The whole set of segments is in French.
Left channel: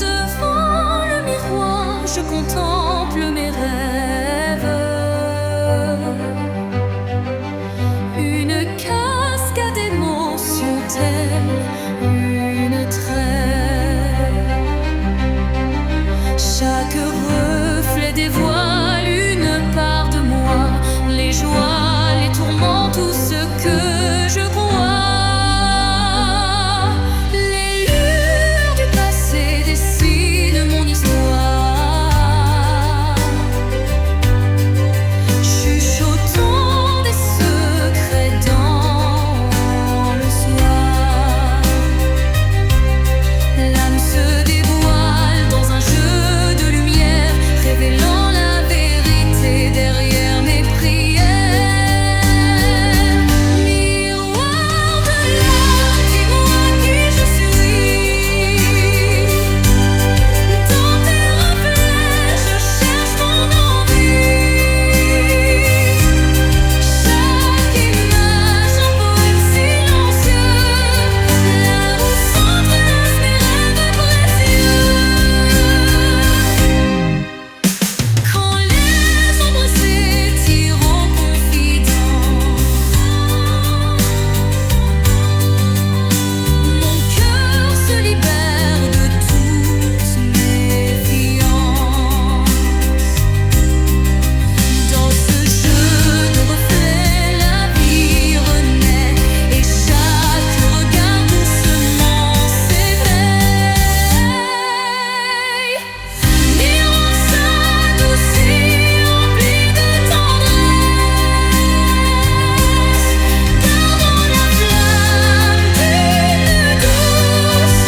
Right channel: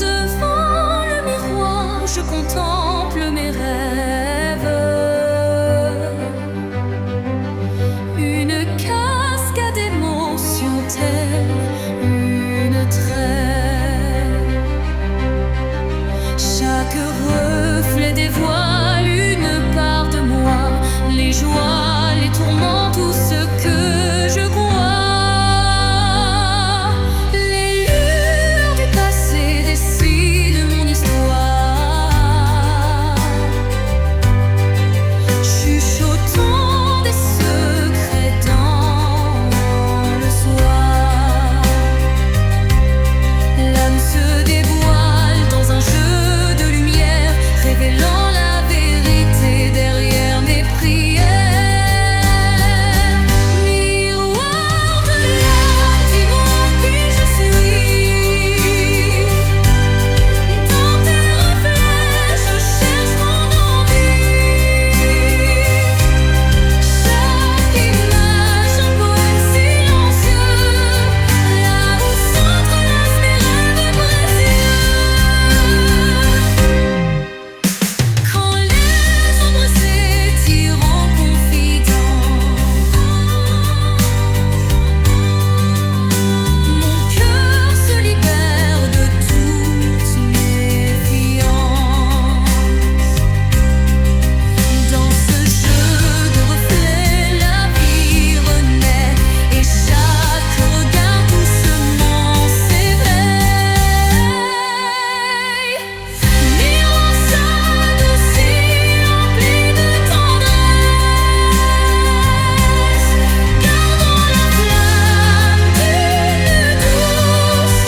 Devant le miroir, je contemple mes rêves. Une cascade d'émotions telle une trêve. Chaque reflet dévoile une part de moi, les joies, les tourments, tout ce que je crois. Les lueurs du passé dessinent mon histoire, chuchotant des secrets dans le soir. L'âme se dévoile dans un jeu de lumière, révélant la vérité derrière mes prières. Miroir de l'âme, dis-moi qui je suis. Dans tes reflets, je cherche mon envie. Chaque image, un poème silencieux, là où s'entrelacent mes rêves précieux. Quand les ombres s'étirent en confidence, mon cœur se libère de toute méfiance. Dans ce jeu de reflets, la vie renaît et chaque regard doucement s'éveille. Miroir s'adoucit, empli de tendresse, gardant la flamme d'une douce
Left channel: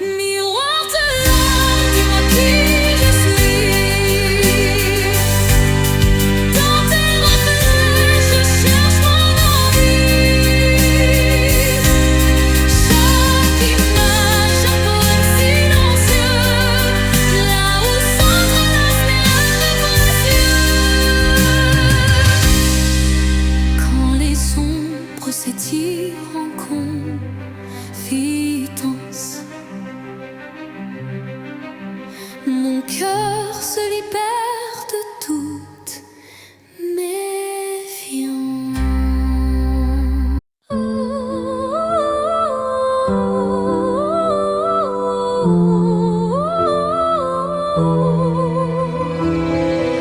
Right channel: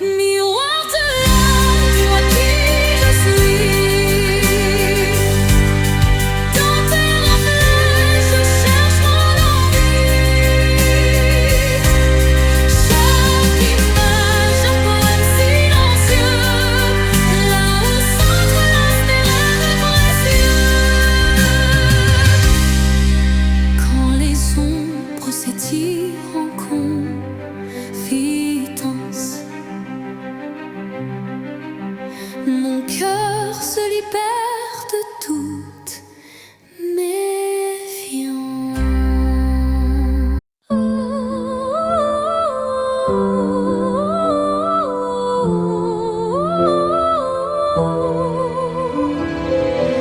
Miroir de l'âme, dis-moi qui je suis. Dans tes reflets, je cherche mon envie. Chaque image, un poème silencieux, là où s'entrelacent mes rêves précieux. Quand les ombres s'étirent en confidence, mon cœur se libère de toute méfiance.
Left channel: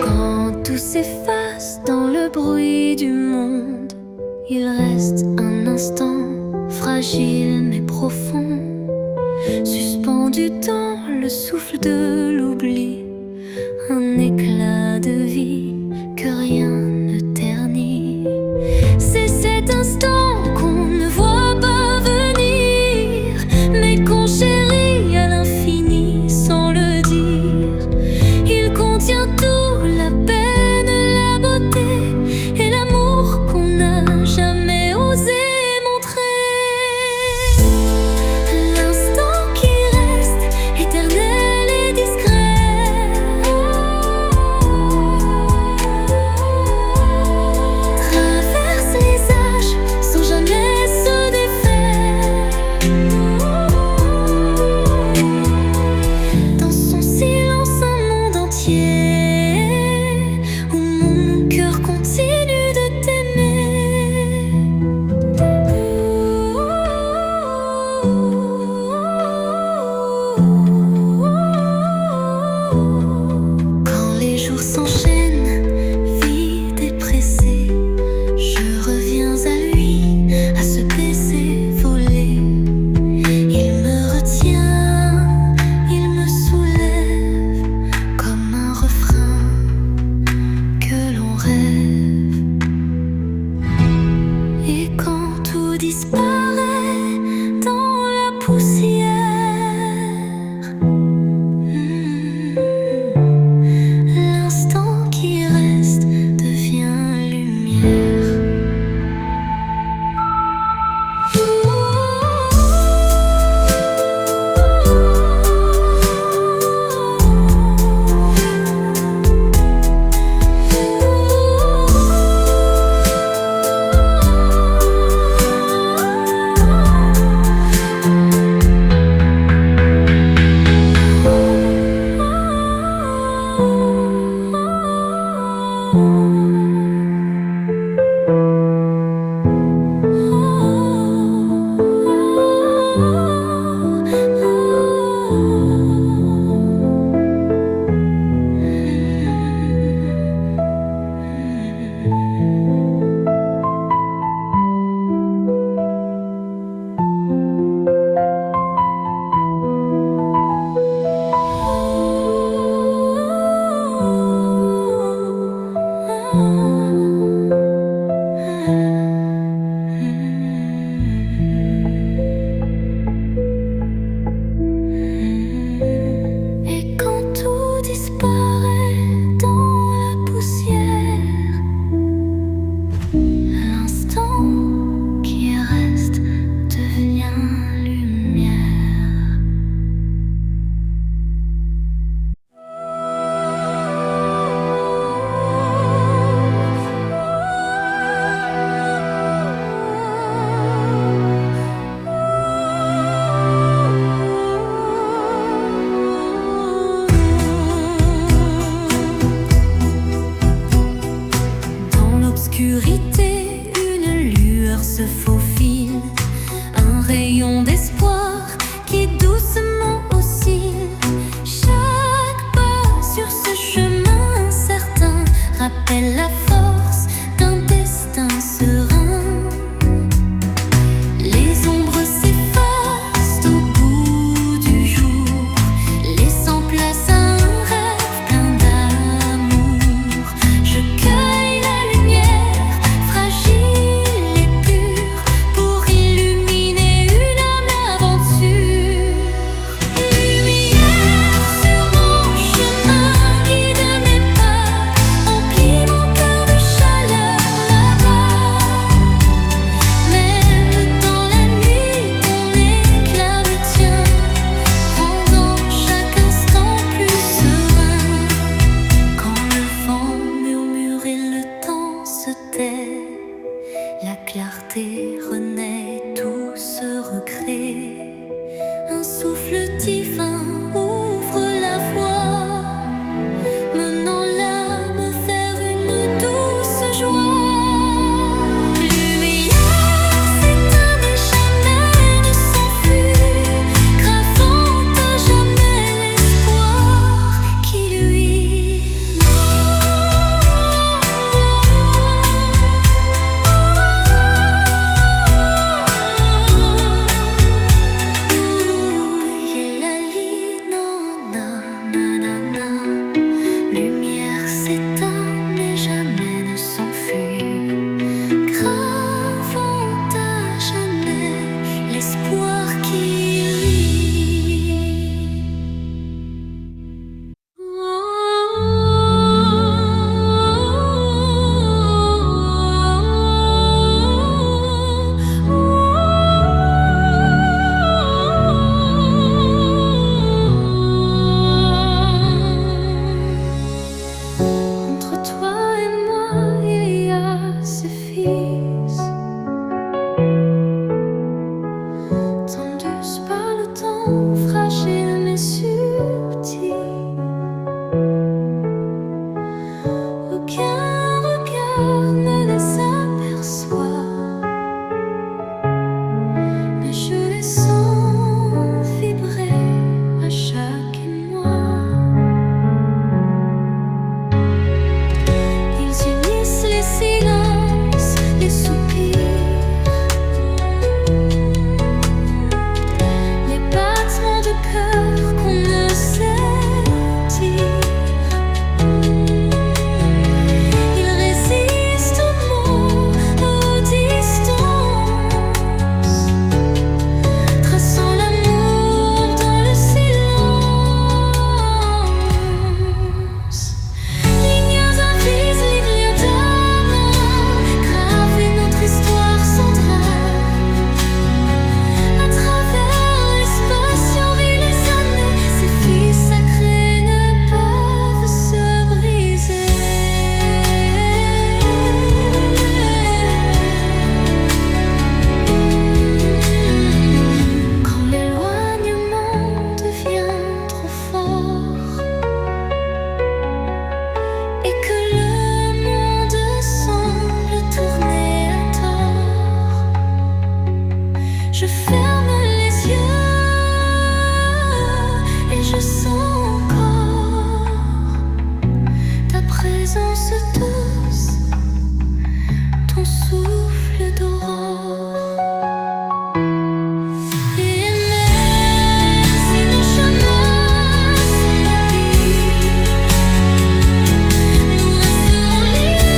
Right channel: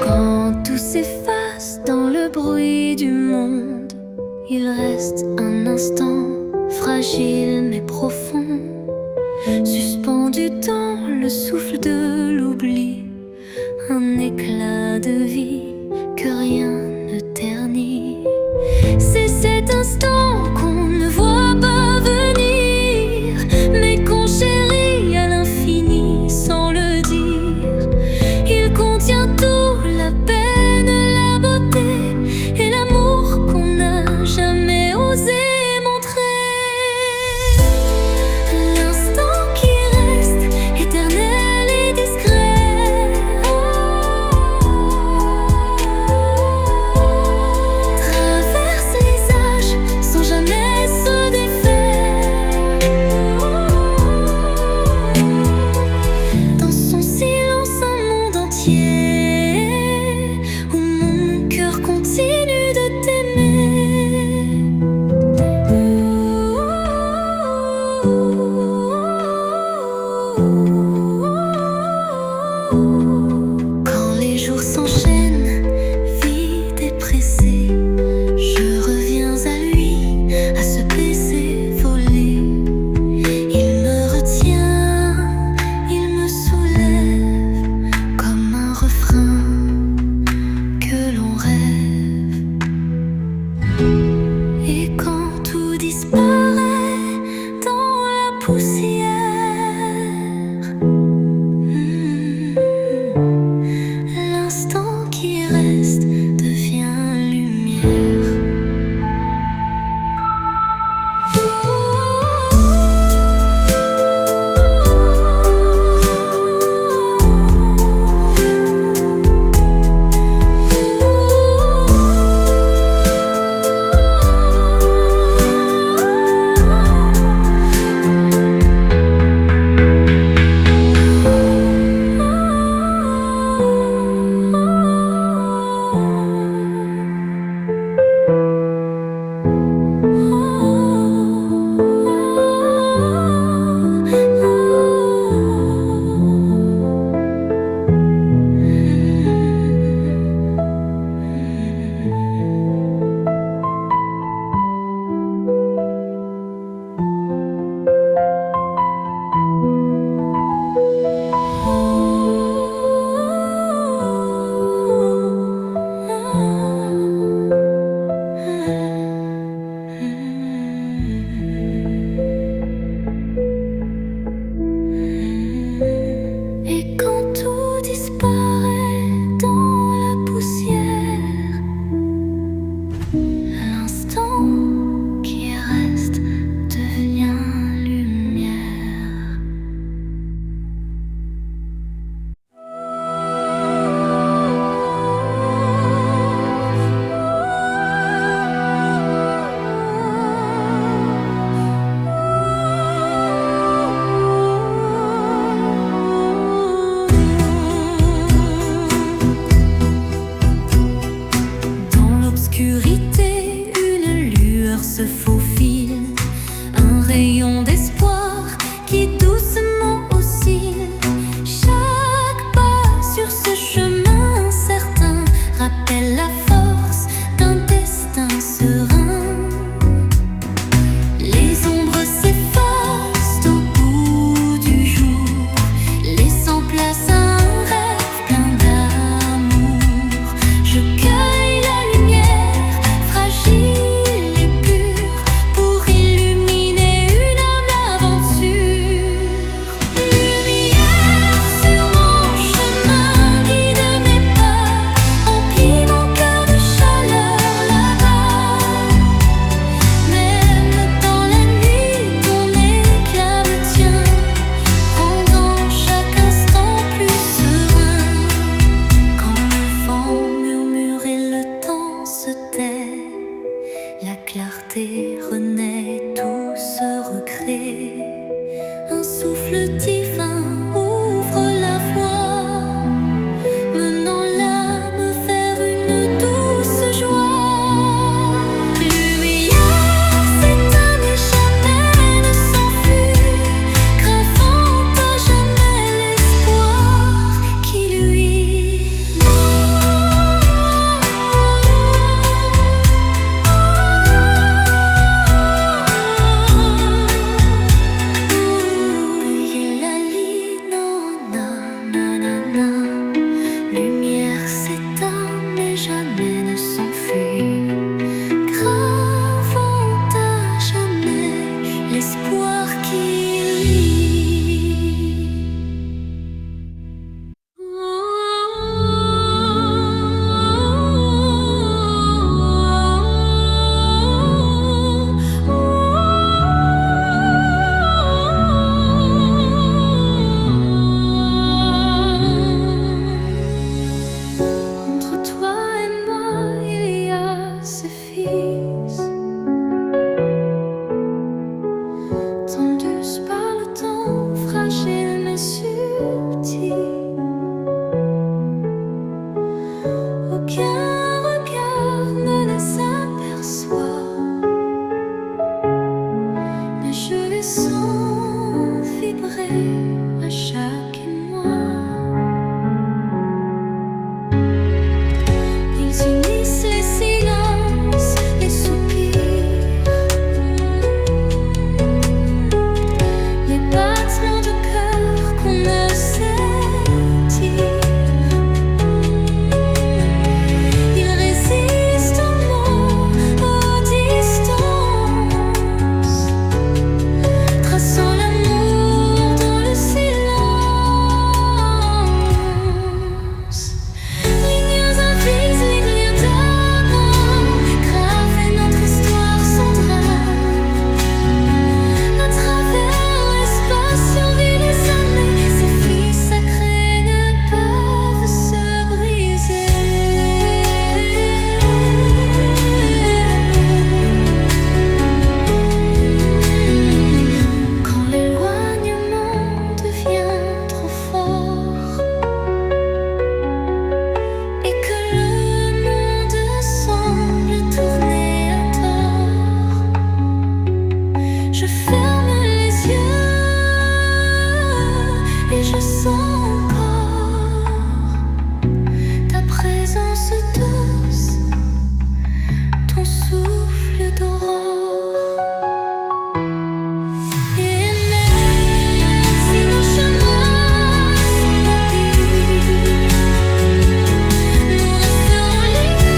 Quand tout s'efface dans le bruit du monde, il reste un instant fragile mais profond, suspendu dans le souffle de l'oubli, un éclat de vie que rien ne ternit. C'est cet instant qu'on ne voit pas venir, mais qu'on chérit à l'infini sans le dire. Il contient tout, la peine, la beauté et l'amour qu'on n'a jamais osé montrer. L'instant qui reste éternel et discret, traverse les âges sans jamais se défaire. Dans son silence, un monde entier où mon cœur continue de t'aimer. Quand les jours s'enchaînent, vides et pressés, je reviens à lui, à ce baiser volé. Il me retient, il me soulève comme un refrain que l'on rêve. Et quand tout disparaît dans la poussière, l'instant qui reste devient lumière. Dans l'obscurité, une lueur se faufile, un rayon d'espoir qui doucement oscille. Chaque pas sur ce chemin incertain rappelle la force d'un destin serein. Les ombres s'effacent au bout du jour, laissant place à un rêve plein d'amour. Je cueille la lumière, fragile et pure, pour illuminer une âme d'aventure. Lumière sur mon chemin, guide mes pas, emplis mon cœur de chaleur là-bas. Même dans la nuit, ton éclat me tient, rendant chaque instant plus serein. Quand le vent murmure et le temps se tait, la clarté renaît, tout se recrée. Un souffle divin ouvre la voie, menant l'âme vers une douce joie. Lumière s'éteint mais jamais ne s'enfuit, gravant à jamais l'espoir qui luit. Veillez la lit, non, non, non, non, non. Lumière s'éteint mais jamais ne s'enfuit, gravant à jamais l'espoir qui luit. Entre toi et moi, il y a ce fils, tendus par le temps, fragile mais subtil. Aucun regard ne les aperçoit, mais je les sens vibrer à chaque émoi. Ils unissent les silences, les soupirs, les battements de cœur qu'on ne sait dire. Ils résistent aux mots, aux distances, traçant l'amour dans le silence. Lignes invisibles, lignes d'amour, graver notre histoire sans drame. À travers l'espace survit les années, ces filles sacrées ne peuvent se briser. Quand l'éloignement devient trop fort et que le monde semble tourner à tort, je ferme les yeux et je sens encore ta présence douce, ton souffle d'aurore. Et même si nos chemins sont mobiles, nous resterons liés.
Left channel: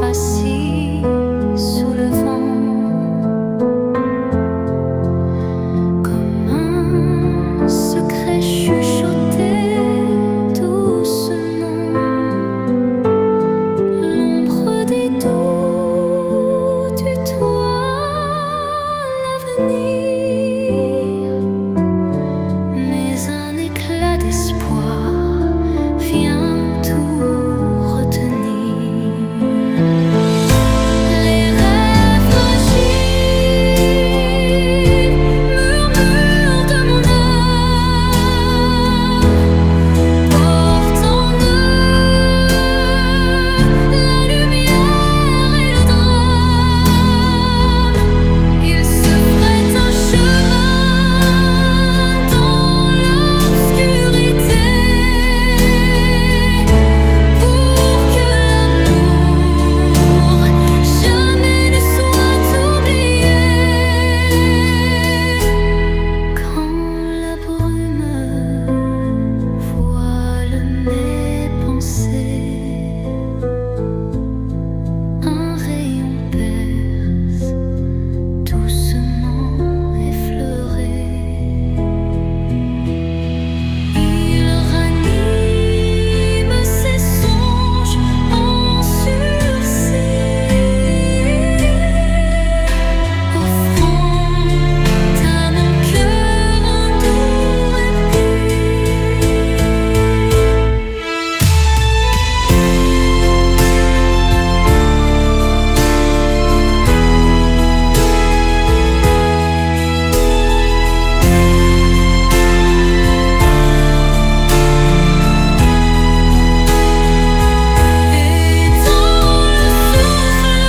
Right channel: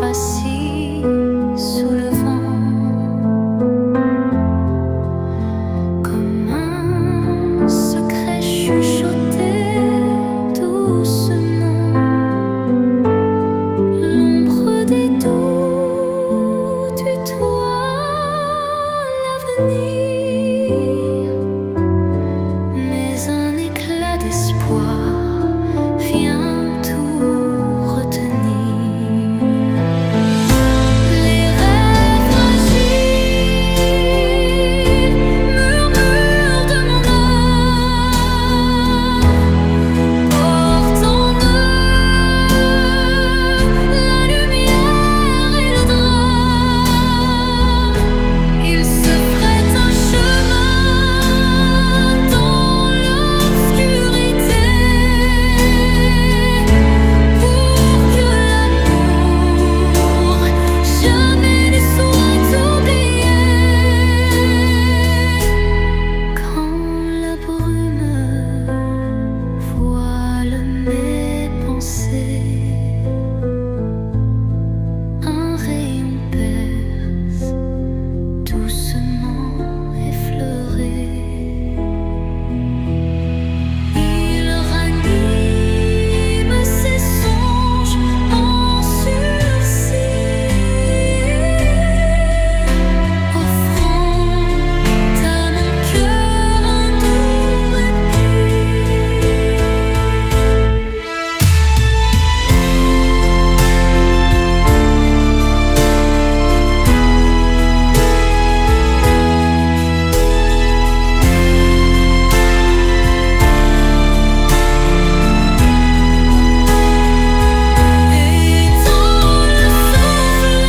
facile sous le vent, comme un secret chuchoté doucement. L'ombre des doutes tutoie l'avenir, mais un éclat d'espoir vient tout retenir. Les rêves fragiles murmurent de mon âme, portent en eux la lumière et le drame. Ils se frayent un chemin dans l'obscurité pour que l'amour jamais ne soit oublié. Quand la brume voile mes pensées, un rayon perce doucement effleuré. Il ranime ses songes en sursis, offrant à mon cœur un doux répit. Et dans le souffle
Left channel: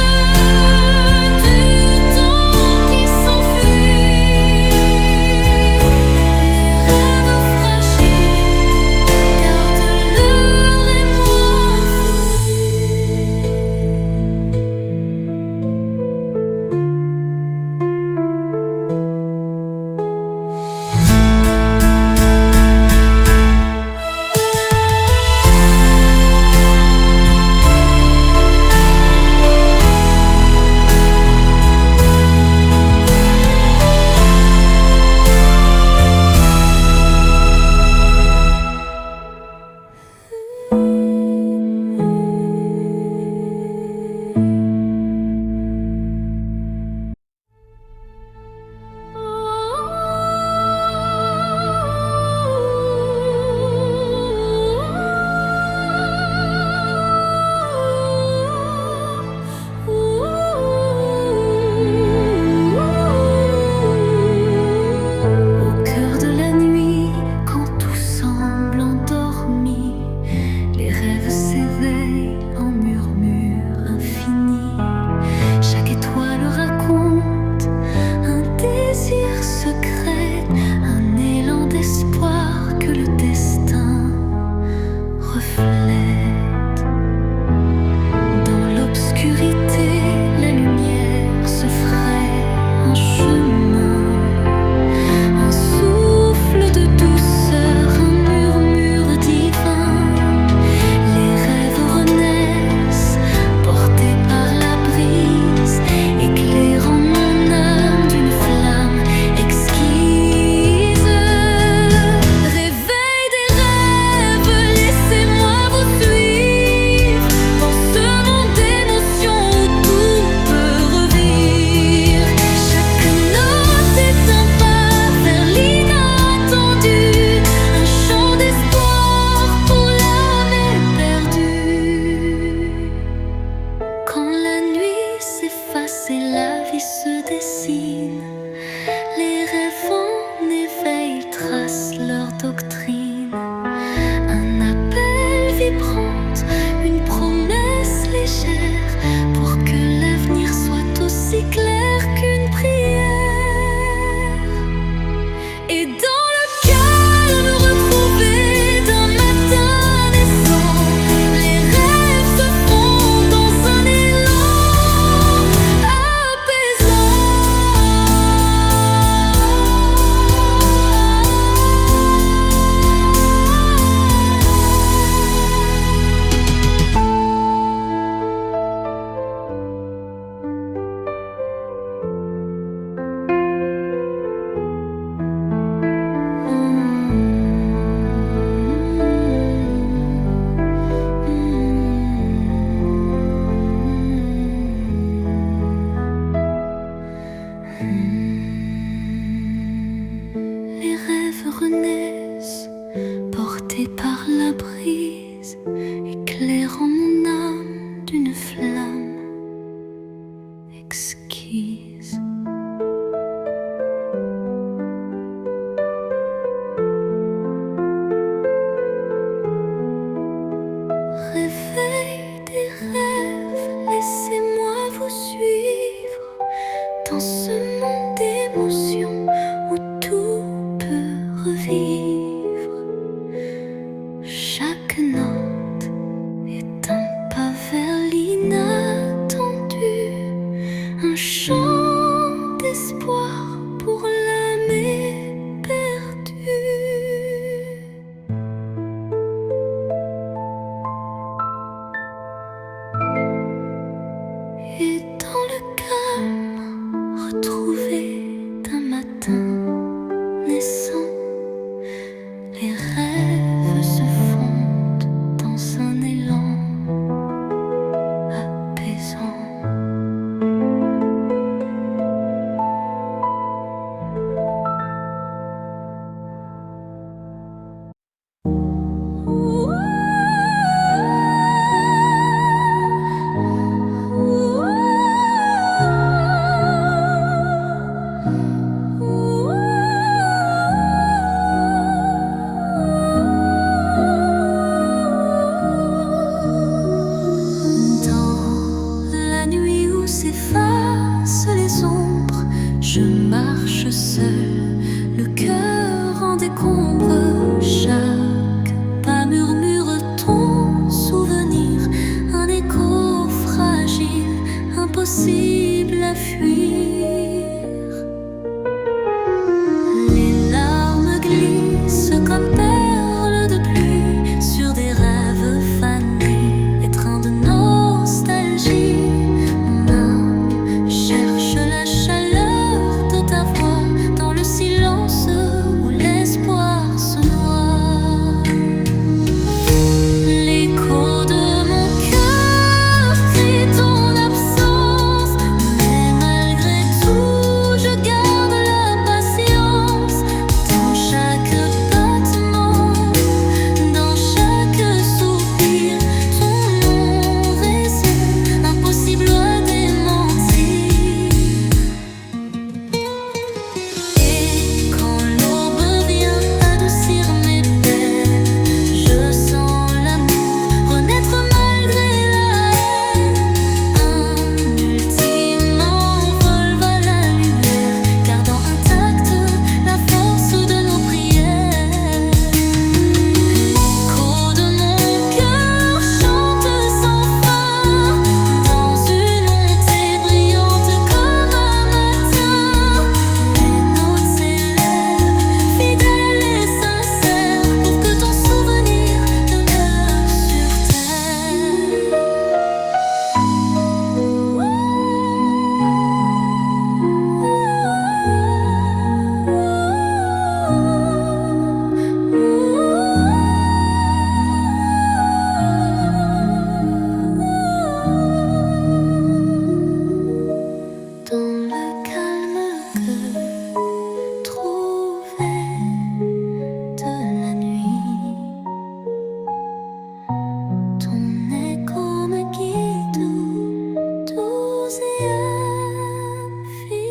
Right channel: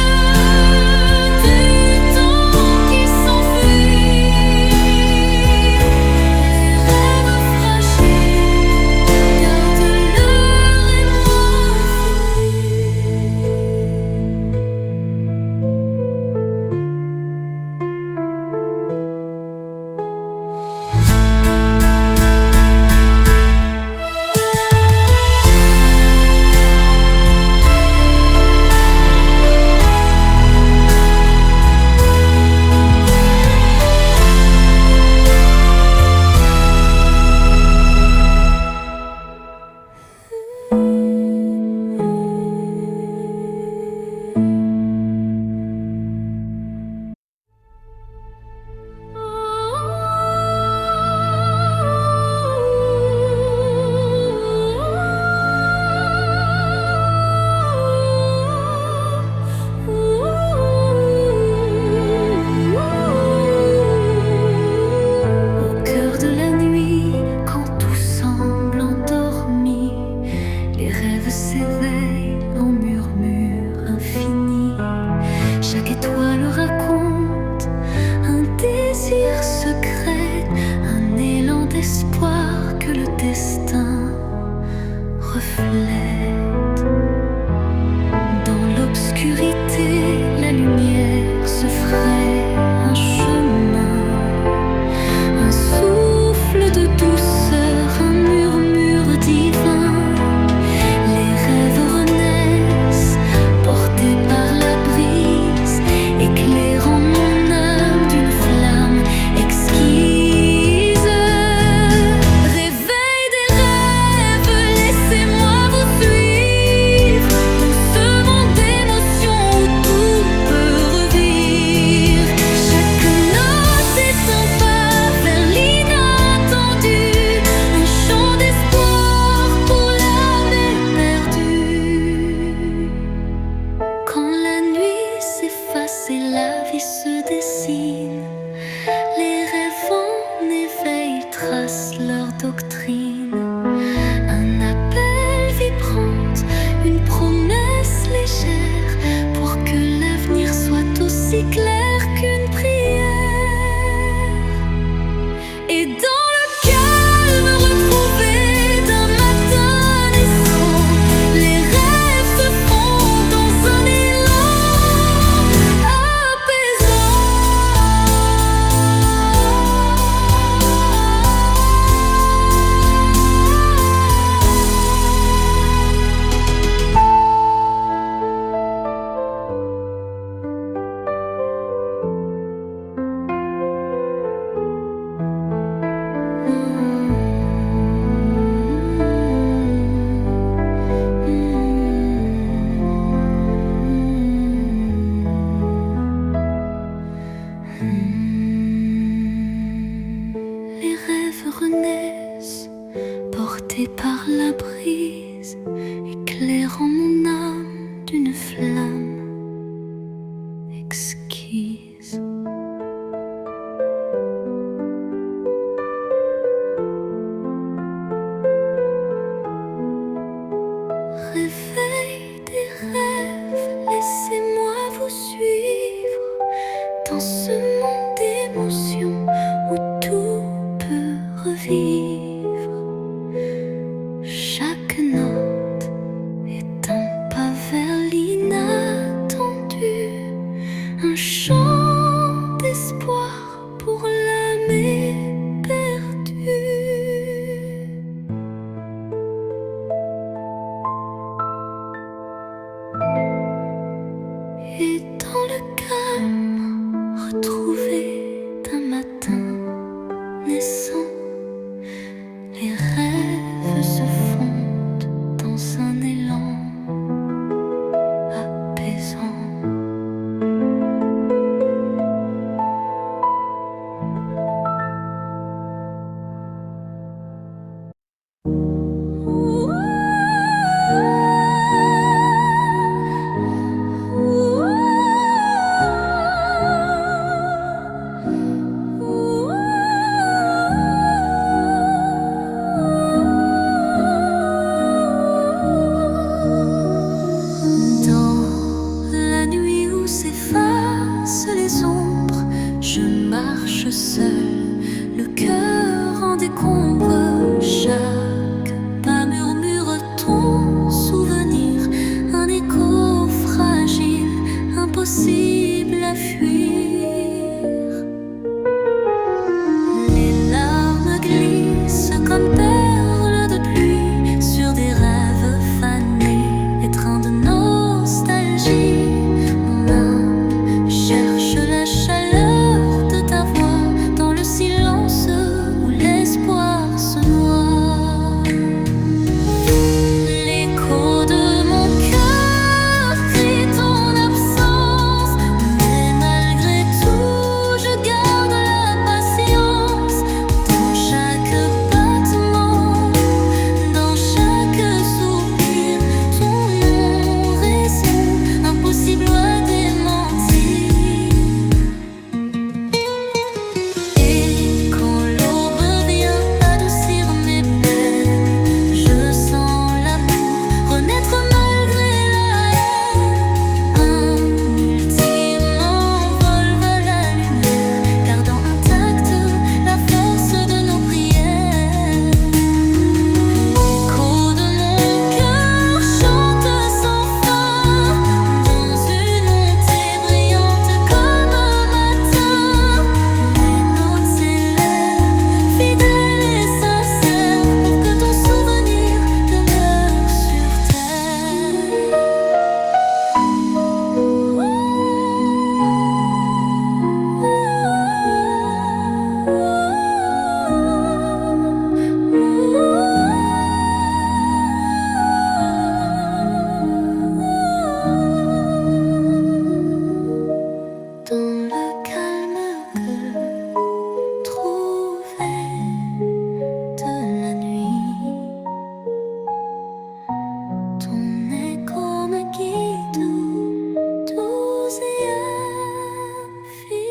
du temps qui s'enfuit, les rêves fragiles gardent leur émoi infini. Au cœur de la nuit, quand tout semble endormi, les rêves s'éveillent en murmures infinis. Chaque étoile raconte un désir secret, un élan d'espoir que le destin reflète. Dans l'obscurité, la lumière se fraye un chemin, un souffle de douceur, un murmure divin. Les rêves renaissent, portés par la brise, éclairant mon âme d'une flamme exquise. Réveil des rêves, laissez-moi vous suivre. éclairant mon âme d'une flamme exquise. Réveil des rêves, laissez-moi vous suivre dans ce monde d'émotions où tout peut revivre. Chaque note est un pas vers l'inattendu, un chant d'espoir pour l'âme éperdue. Et dans le calme retrouvé d'un matin naissant, les rêves se fondent dans un élan apaisant. Dans la nuit où s'effacent les ombres, je marche seul, le cœur en décombre. Chaque pas murmure ton souvenir, un écho fragile, impossible à fuir. Les larmes glissent comme perles de pluie sur des rêves fanés, étreints de nostalgie. Mon âme cherche la chaleur de ta voix dans le silence où l'espoir se noie. L'écho de mon cœur crie ton absence, mais malgré tout je garde la patience. Dans chaque battement, dans chaque soupir, ton nom résonne, impossible à démentir. Et quand l'aube vient adoucir mes peines, je sens l'amour renaître malgré la haine. Un ultime envol vers la lumière, gardant intacte la force de nos prières. L'écho de mon cœur chante sans fin, dans une montée brillante comme un matin. Les notes s'élèvent, fidèles et sincères, pour que ton souvenir demeure sur terre. Dans le calme que trouvé de la nuit, ton écho me guide doux et infini.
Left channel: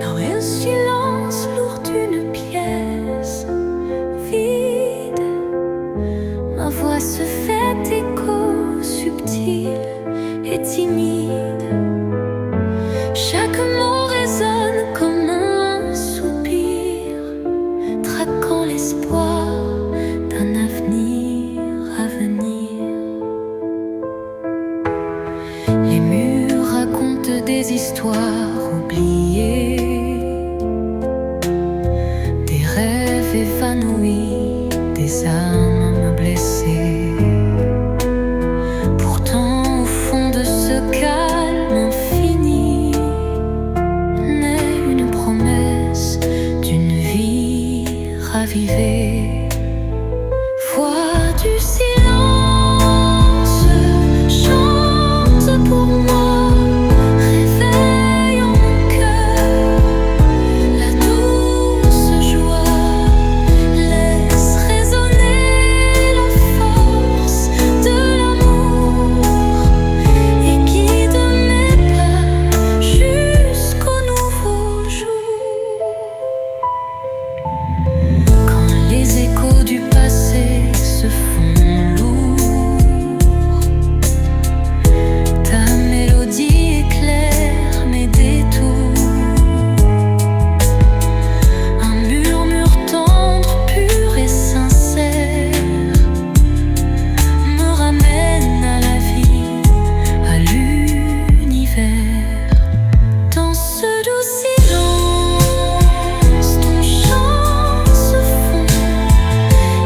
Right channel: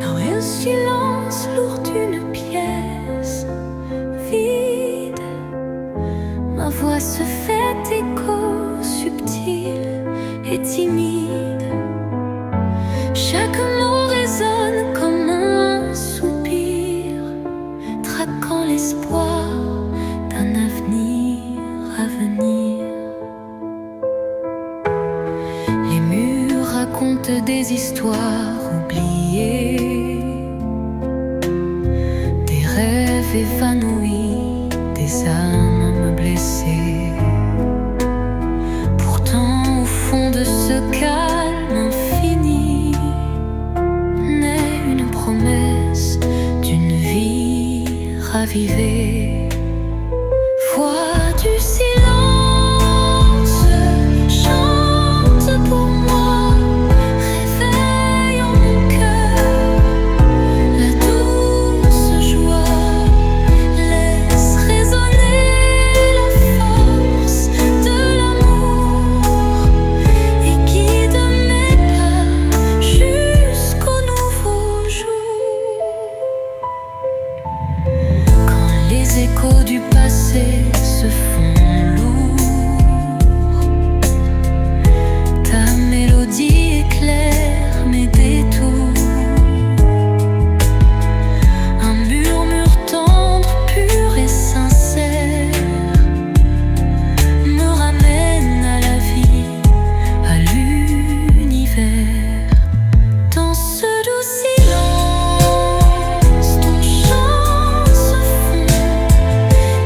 Dans un silence lourd d'une pièce vide, ma voix se fait écho subtil et timide. Chaque mot résonne comme un soupir, traquant l'espoir d'un avenir à venir. Les murs racontent des histoires oubliées, rêves évanouis, des âmes blessées. Pourtant, au fond de ce calme infini, naît une promesse d'une vie ravivée. Voix du silence, chante pour moi, réveille en mon cœur la douce joie, laisse résonner la force de l'amour et guide mes pas jusqu'au nouveau jour. Quand les échos du passé se font lourds, ta mélodie éclaire mes détours. Un murmure tendre, pur et sincère me ramène à la vie, à l'univers. Dans ce doux silence, ton chant se fond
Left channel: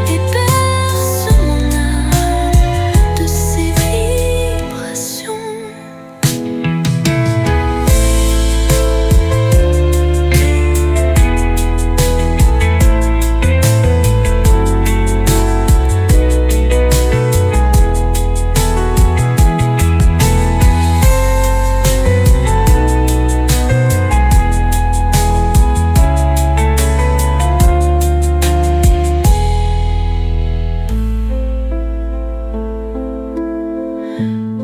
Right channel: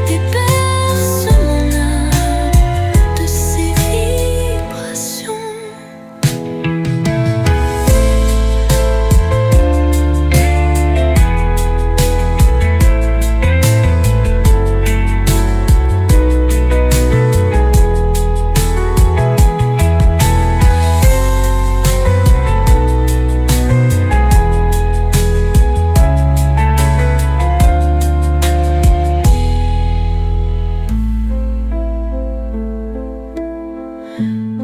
et berce mon âme de ses vibrations.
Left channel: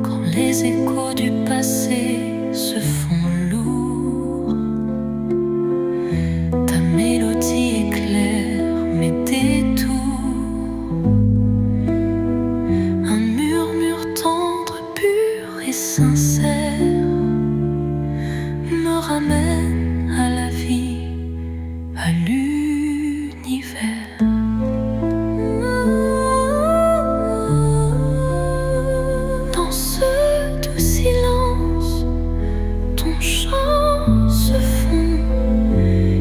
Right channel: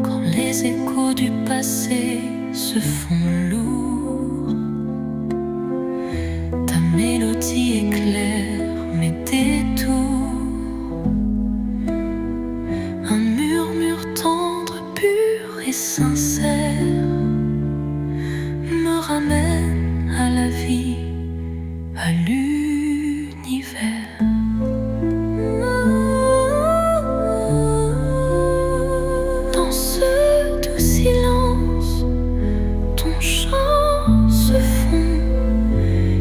Quand les échos du passé se font lourds, ta mélodie éclaire mes détours. Un murmure tendre, pur et sincère me ramène à la vie, à l'univers. Dans ce doux silence, ton chant se fond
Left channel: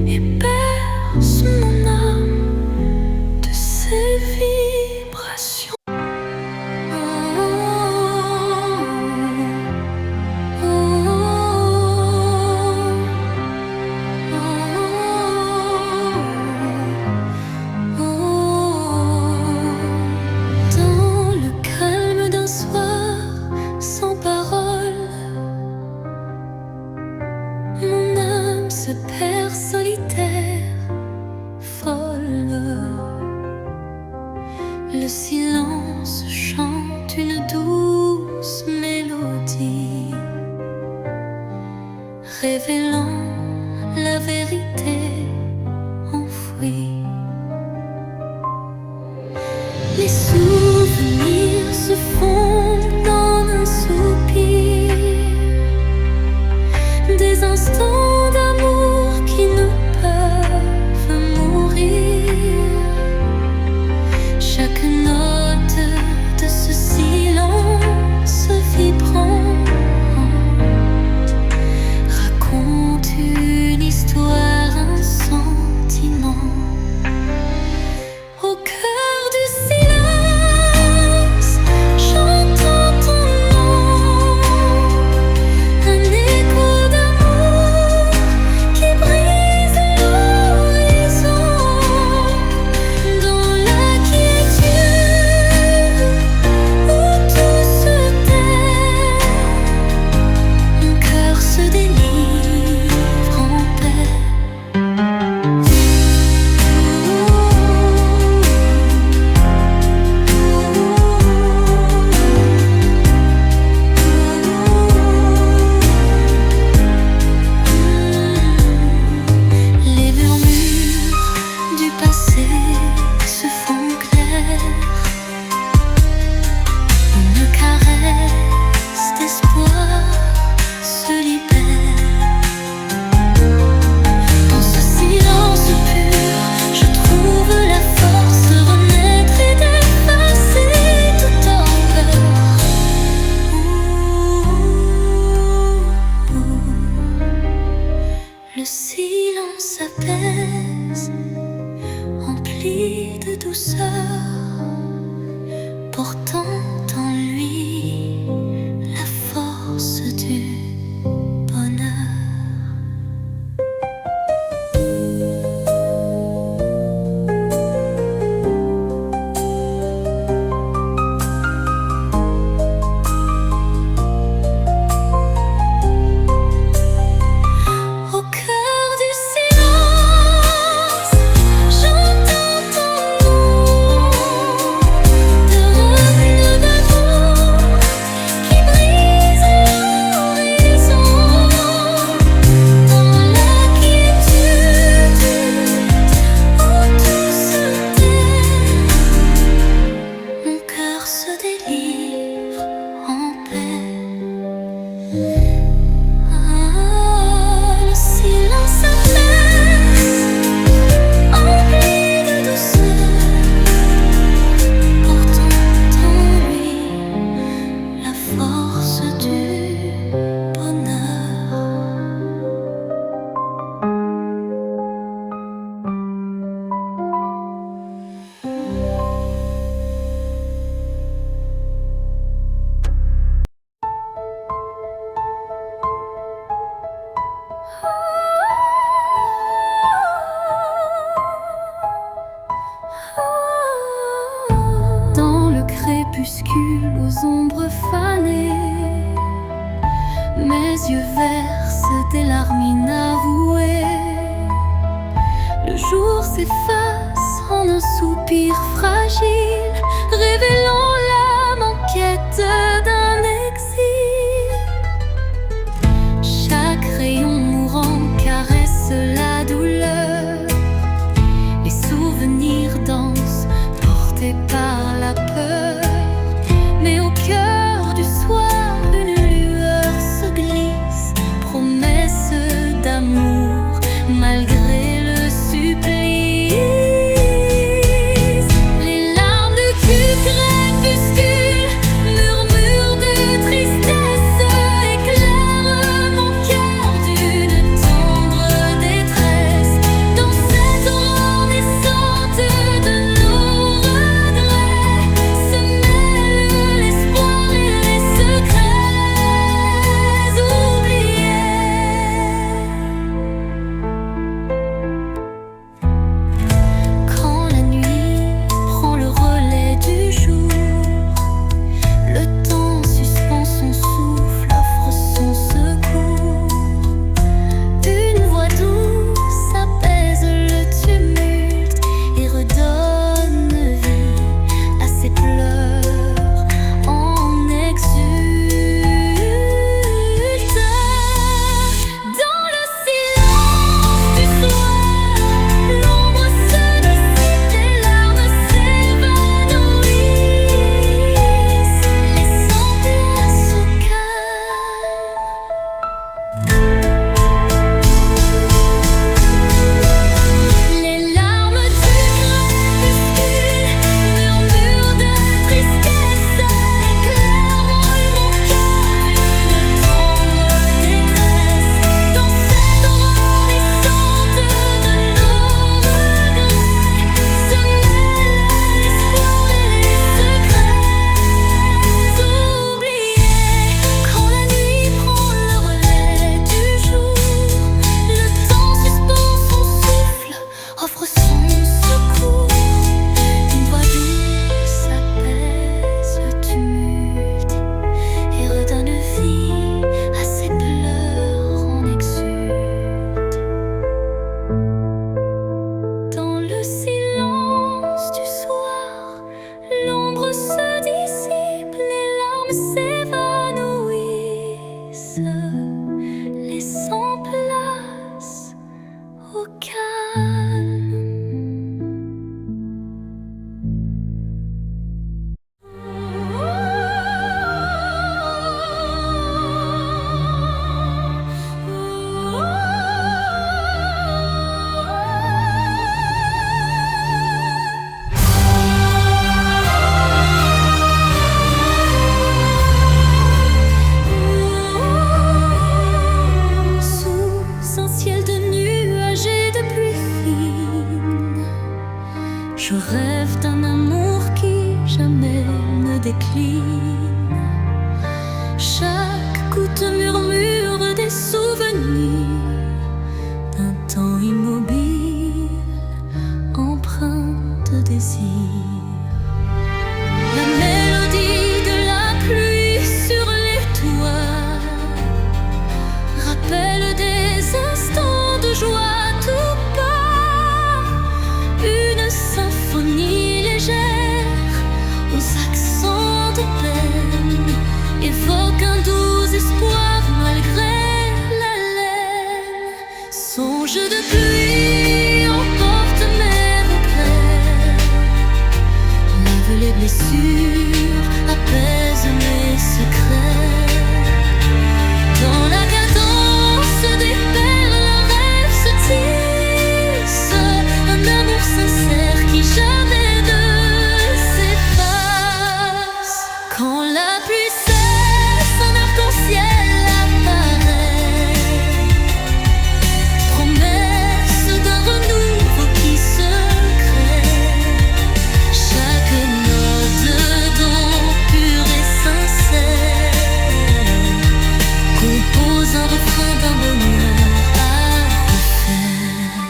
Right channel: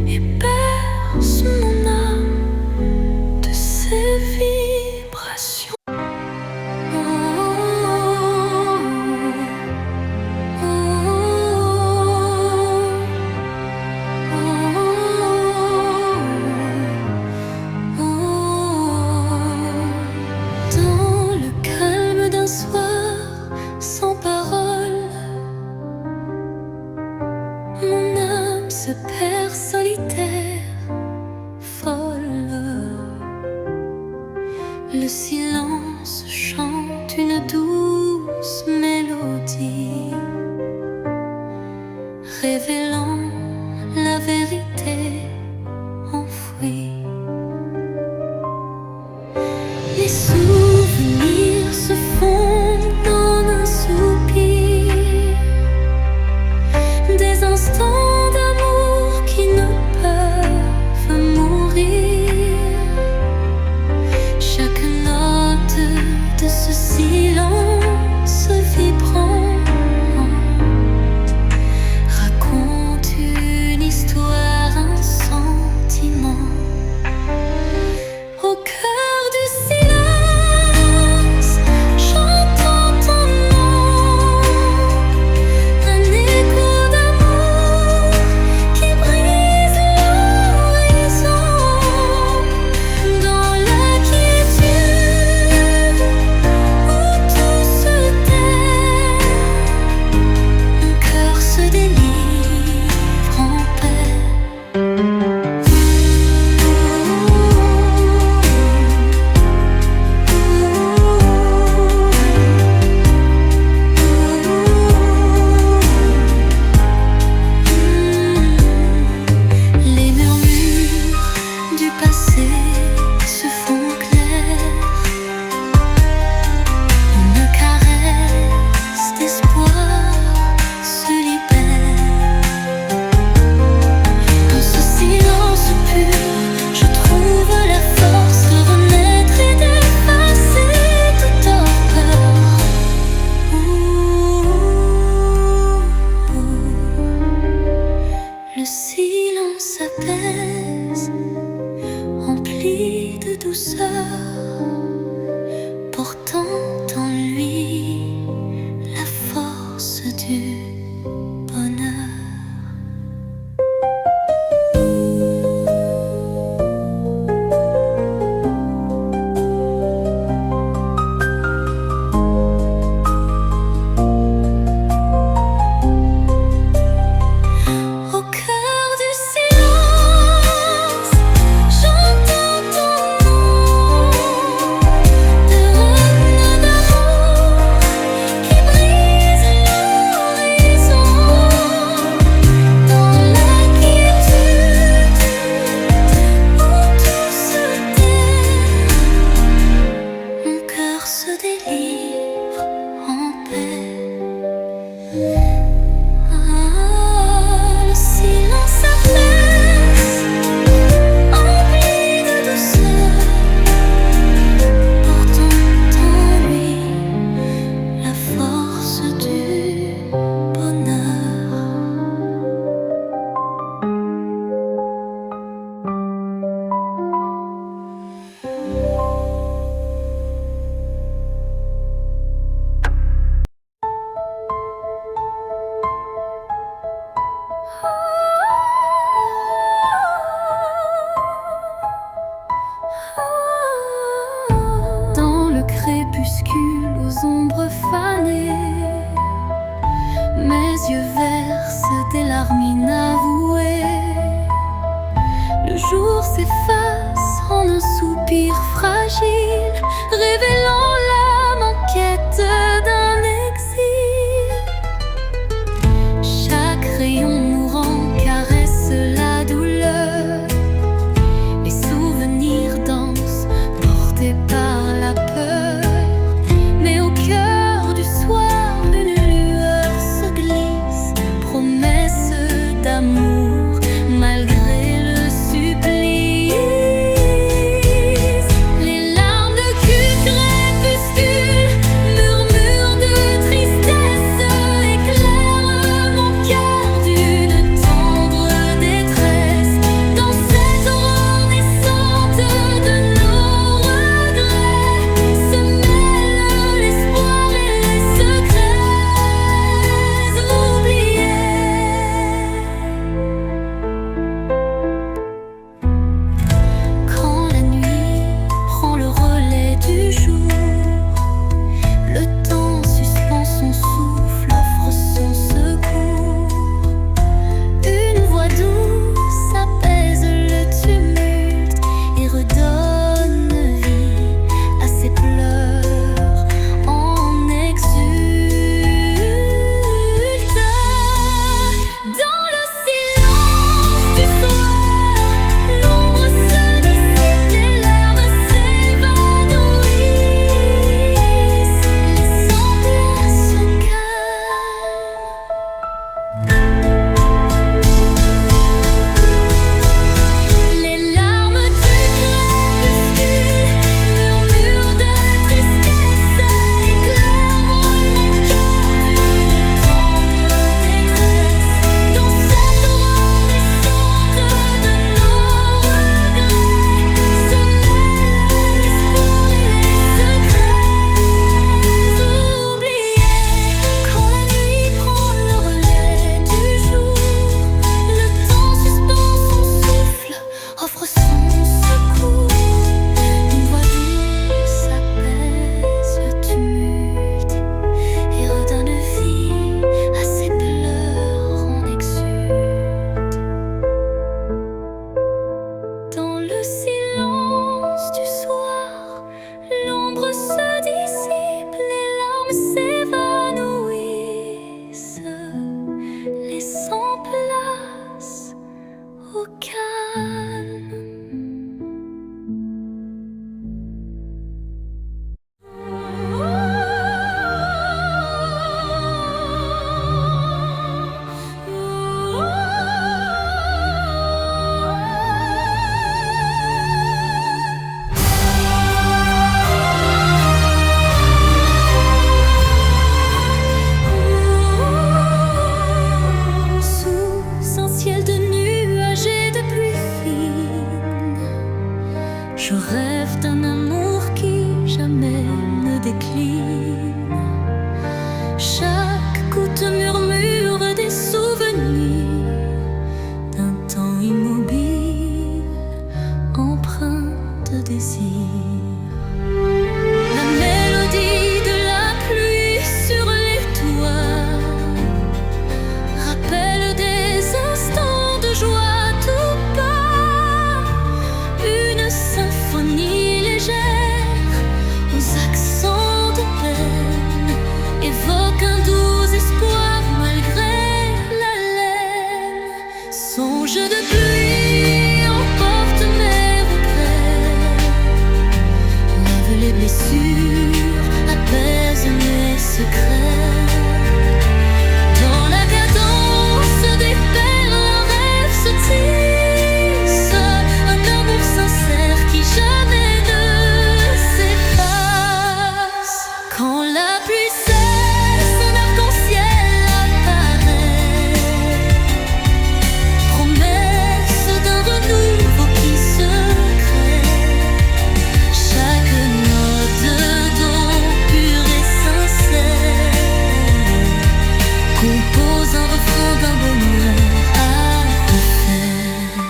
et berce mon âme de ses vibrations. Dans le calme d'un soir sans parole, mon âme se perd solitaire, folle. Le silence chante une douce mélodie, révélant la vérité enfouie. Les souvenirs se fondent en un soupir, des instants d'amour qui ne peuvent mourir. Chaque note de ce silence vibrant raconte une histoire, un sentiment. Au cœur du silence, j'entends ton nom, un écho d'amour qui brise l'horizon. Dans la quiétude où tout se tait, mon cœur se délivre en paix. douceur, portant en lui la force du bonheur. Dans le crépuscule aux ombres fanées, mes yeux versent des larmes inavouées. Le jour s'efface en un soupir fragile, révélant l'âme en quête d'un exil. Chaque rayon mourant caresse la douleur, les souvenirs dansent portés par la peur. Mais au cœur du soir, une lueur se glisse, promesse d'amour malgré le supplice. Les larmes de crépuscule, murmures de tristesse, éclairent mon cœur d'une tendre détresse. Dans cette aurore naissante de nos regrets se mêlent l'espoir et les secrets oubliés. Quand la nuit prend le relais du jour, le temps suspend son souffle, offre son secours. Une voix douce apaise le tumulte et redonne vie à ses pleurs en exulte. Dans le silence du soir, l'ombre se dissipe, les larmes s'évanouissent, laissant place au calme. Les larmes du crépuscule, murmures de tristesse, éclairent mon cœur d'une tendre détresse. Dans cette aurore naissante de nos regrets se mêlent l'espoir et les secrets oubliés. Quand la nuit prend le relais du jour, le temps suspend son souffle, offre son secours. Une voix douce apaise le tumulte et redonne vie à ses pleurs en exulte. Dans le silence du soir, l'ombre se dissipe, les larmes s'évanouissent, laissant place au calme. Je rêve d'un amour qui jamais ne décline. Chaque goutte murmure des souvenirs d'un temps immobile, empreint de désir. La mélodie de la pluie sur les toits rappelle des instants de joie tout bas. Une symphonie légère aux accents de peine évoque un doux espoir malgré la laine. Songe de pluie emporte mes regrets, lave les blessures, apaise mes secrets. Dans la cadence des perles, un rêve se tisse, un amour sincère qui jamais ne s'efface. Quand la pluie cesse, un arc-en-ciel apparaît, promesse d'un renouveau qui se crée. Chaque note de don pur et sincère compose un refrain d'un bonheur à refaire.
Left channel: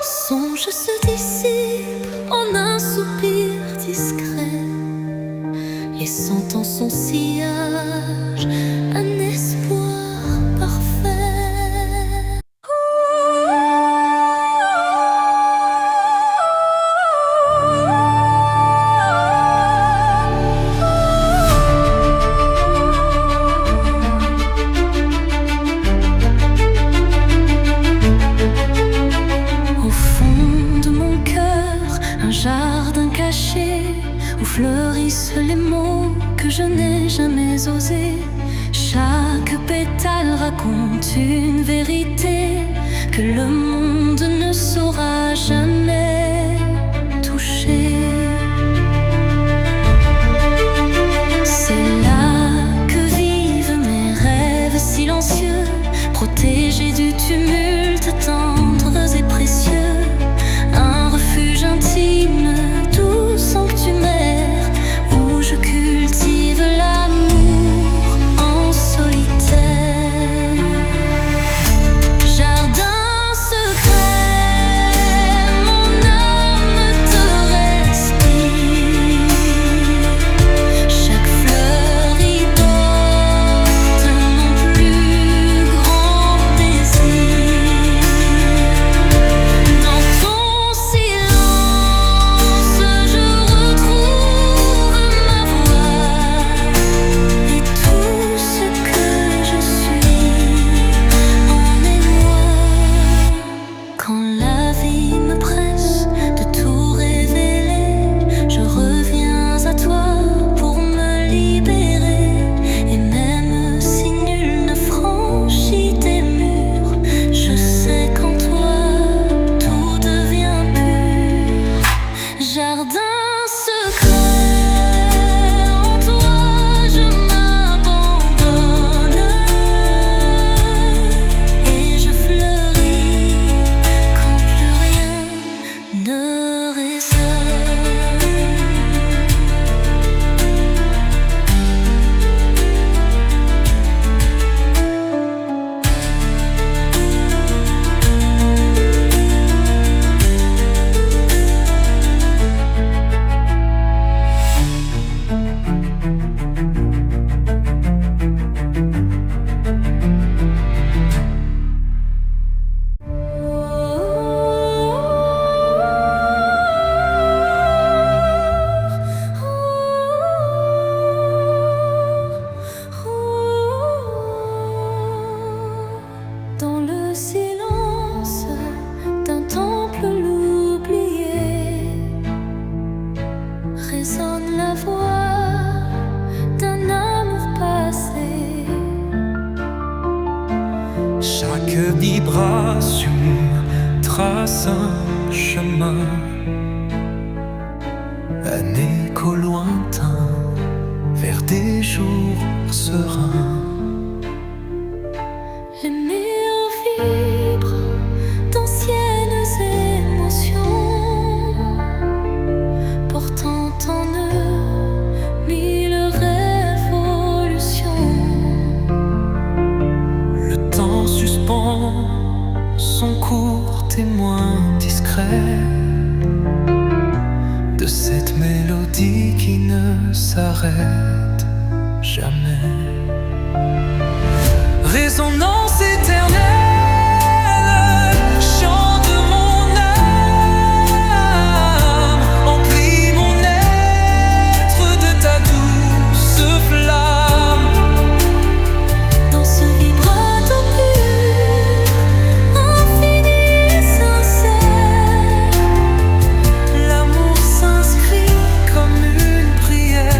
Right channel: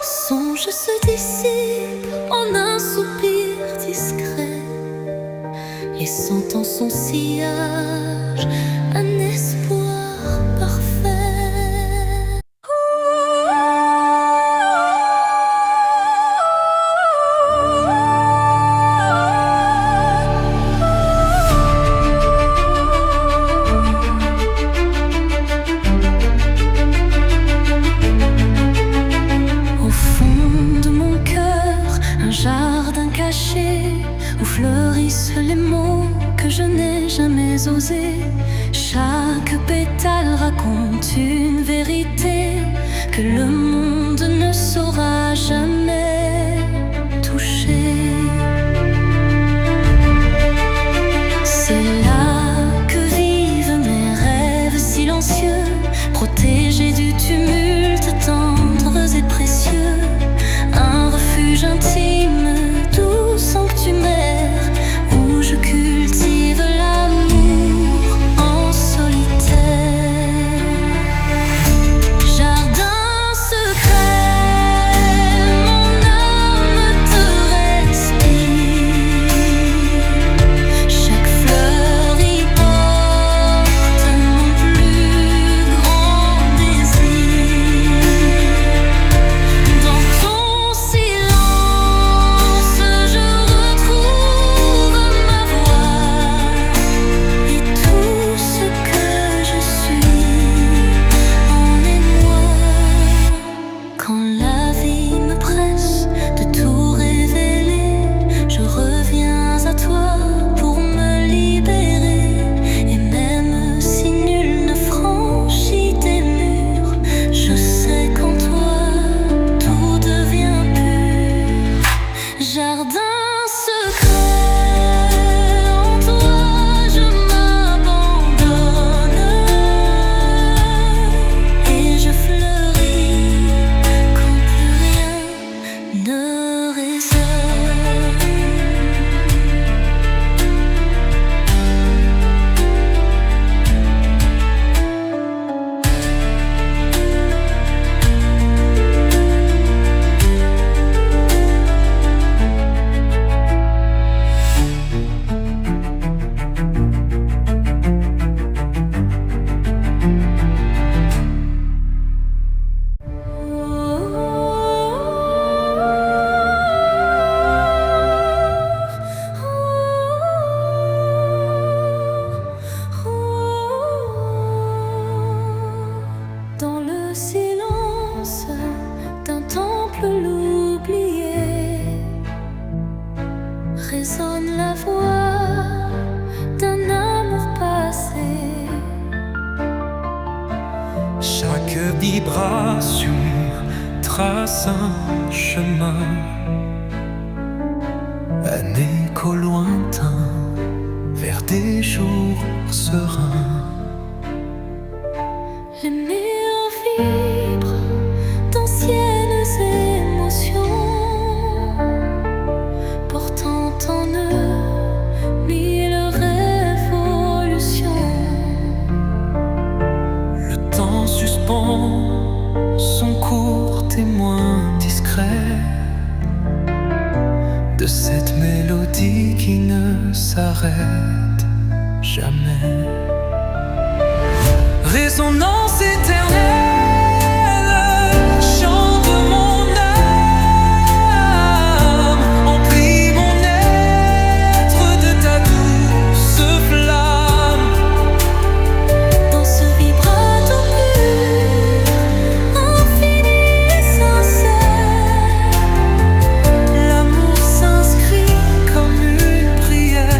Songe se dissipe en un soupir discret, laissant en son sillage un espoir parfait. Au fond de mon cœur, un jardin caché où fleurissent les mots que je n'ai jamais osés. Chaque pétale raconte une vérité que le monde ne saura jamais toucher. C'est là que vivent mes rêves silencieux, protégés du tumulte, tendres et précieux. Un refuge intime, doux sanctuaire, où je cultive l'amour en solitaire. Jardin secret, mon âme te respire. Chaque fleur y porte mon plus grand désir. Dans ton silence, je retrouve ma voix et tout ce que je suis en émoi. Quand la vie me presse de tout révéler, je reviens à toi pour me libérer. Et même si nul ne franchit tes murs, je sais qu'en toi tout devient pur. Jardin secret, en toi je m'abandonne et je fleuris quand plus rien ne résonne. Dans le silence d'un temple l'oublié, résonne la voix d'un amour passé. Chaque vibration trace un chemin, un écho lointain vers des jours sereins. Les murs vibrent d'anciennes émotions, portant en eux mille révolutions. Le temps suspend son court témoin discret de cette mélodie qui ne s'arrête jamais. Résonance éternelle, chant de mon âme, emplis mon être de ta douce flamme. Dans ce vibrato pur, infini et sincère, L'amour s'inscrit comme une prière.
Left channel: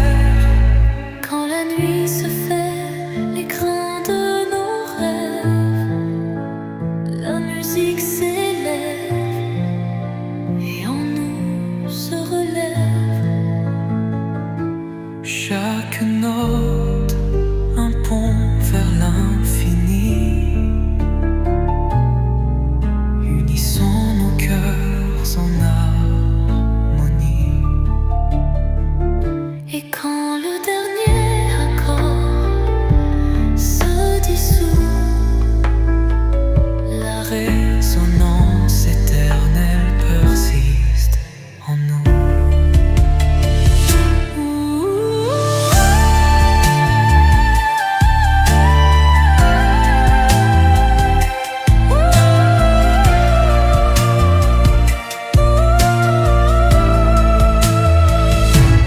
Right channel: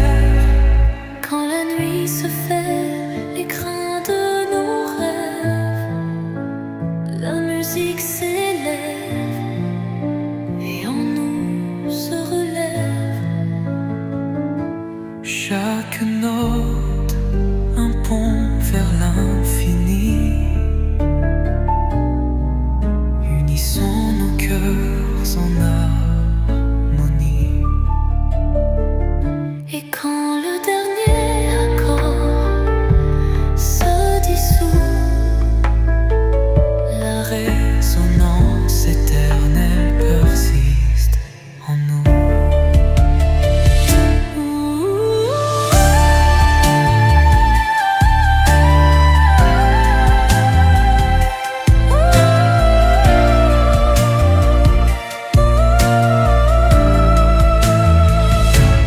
quand la nuit se fait l'écrin de nos rêves, la musique s'élève et en nous se relève. Chaque note, un pont vers l'infini. Unissons nos cœurs en harmonie. Et quand le dernier accord se dissout, La résonance éternelle persiste en nous.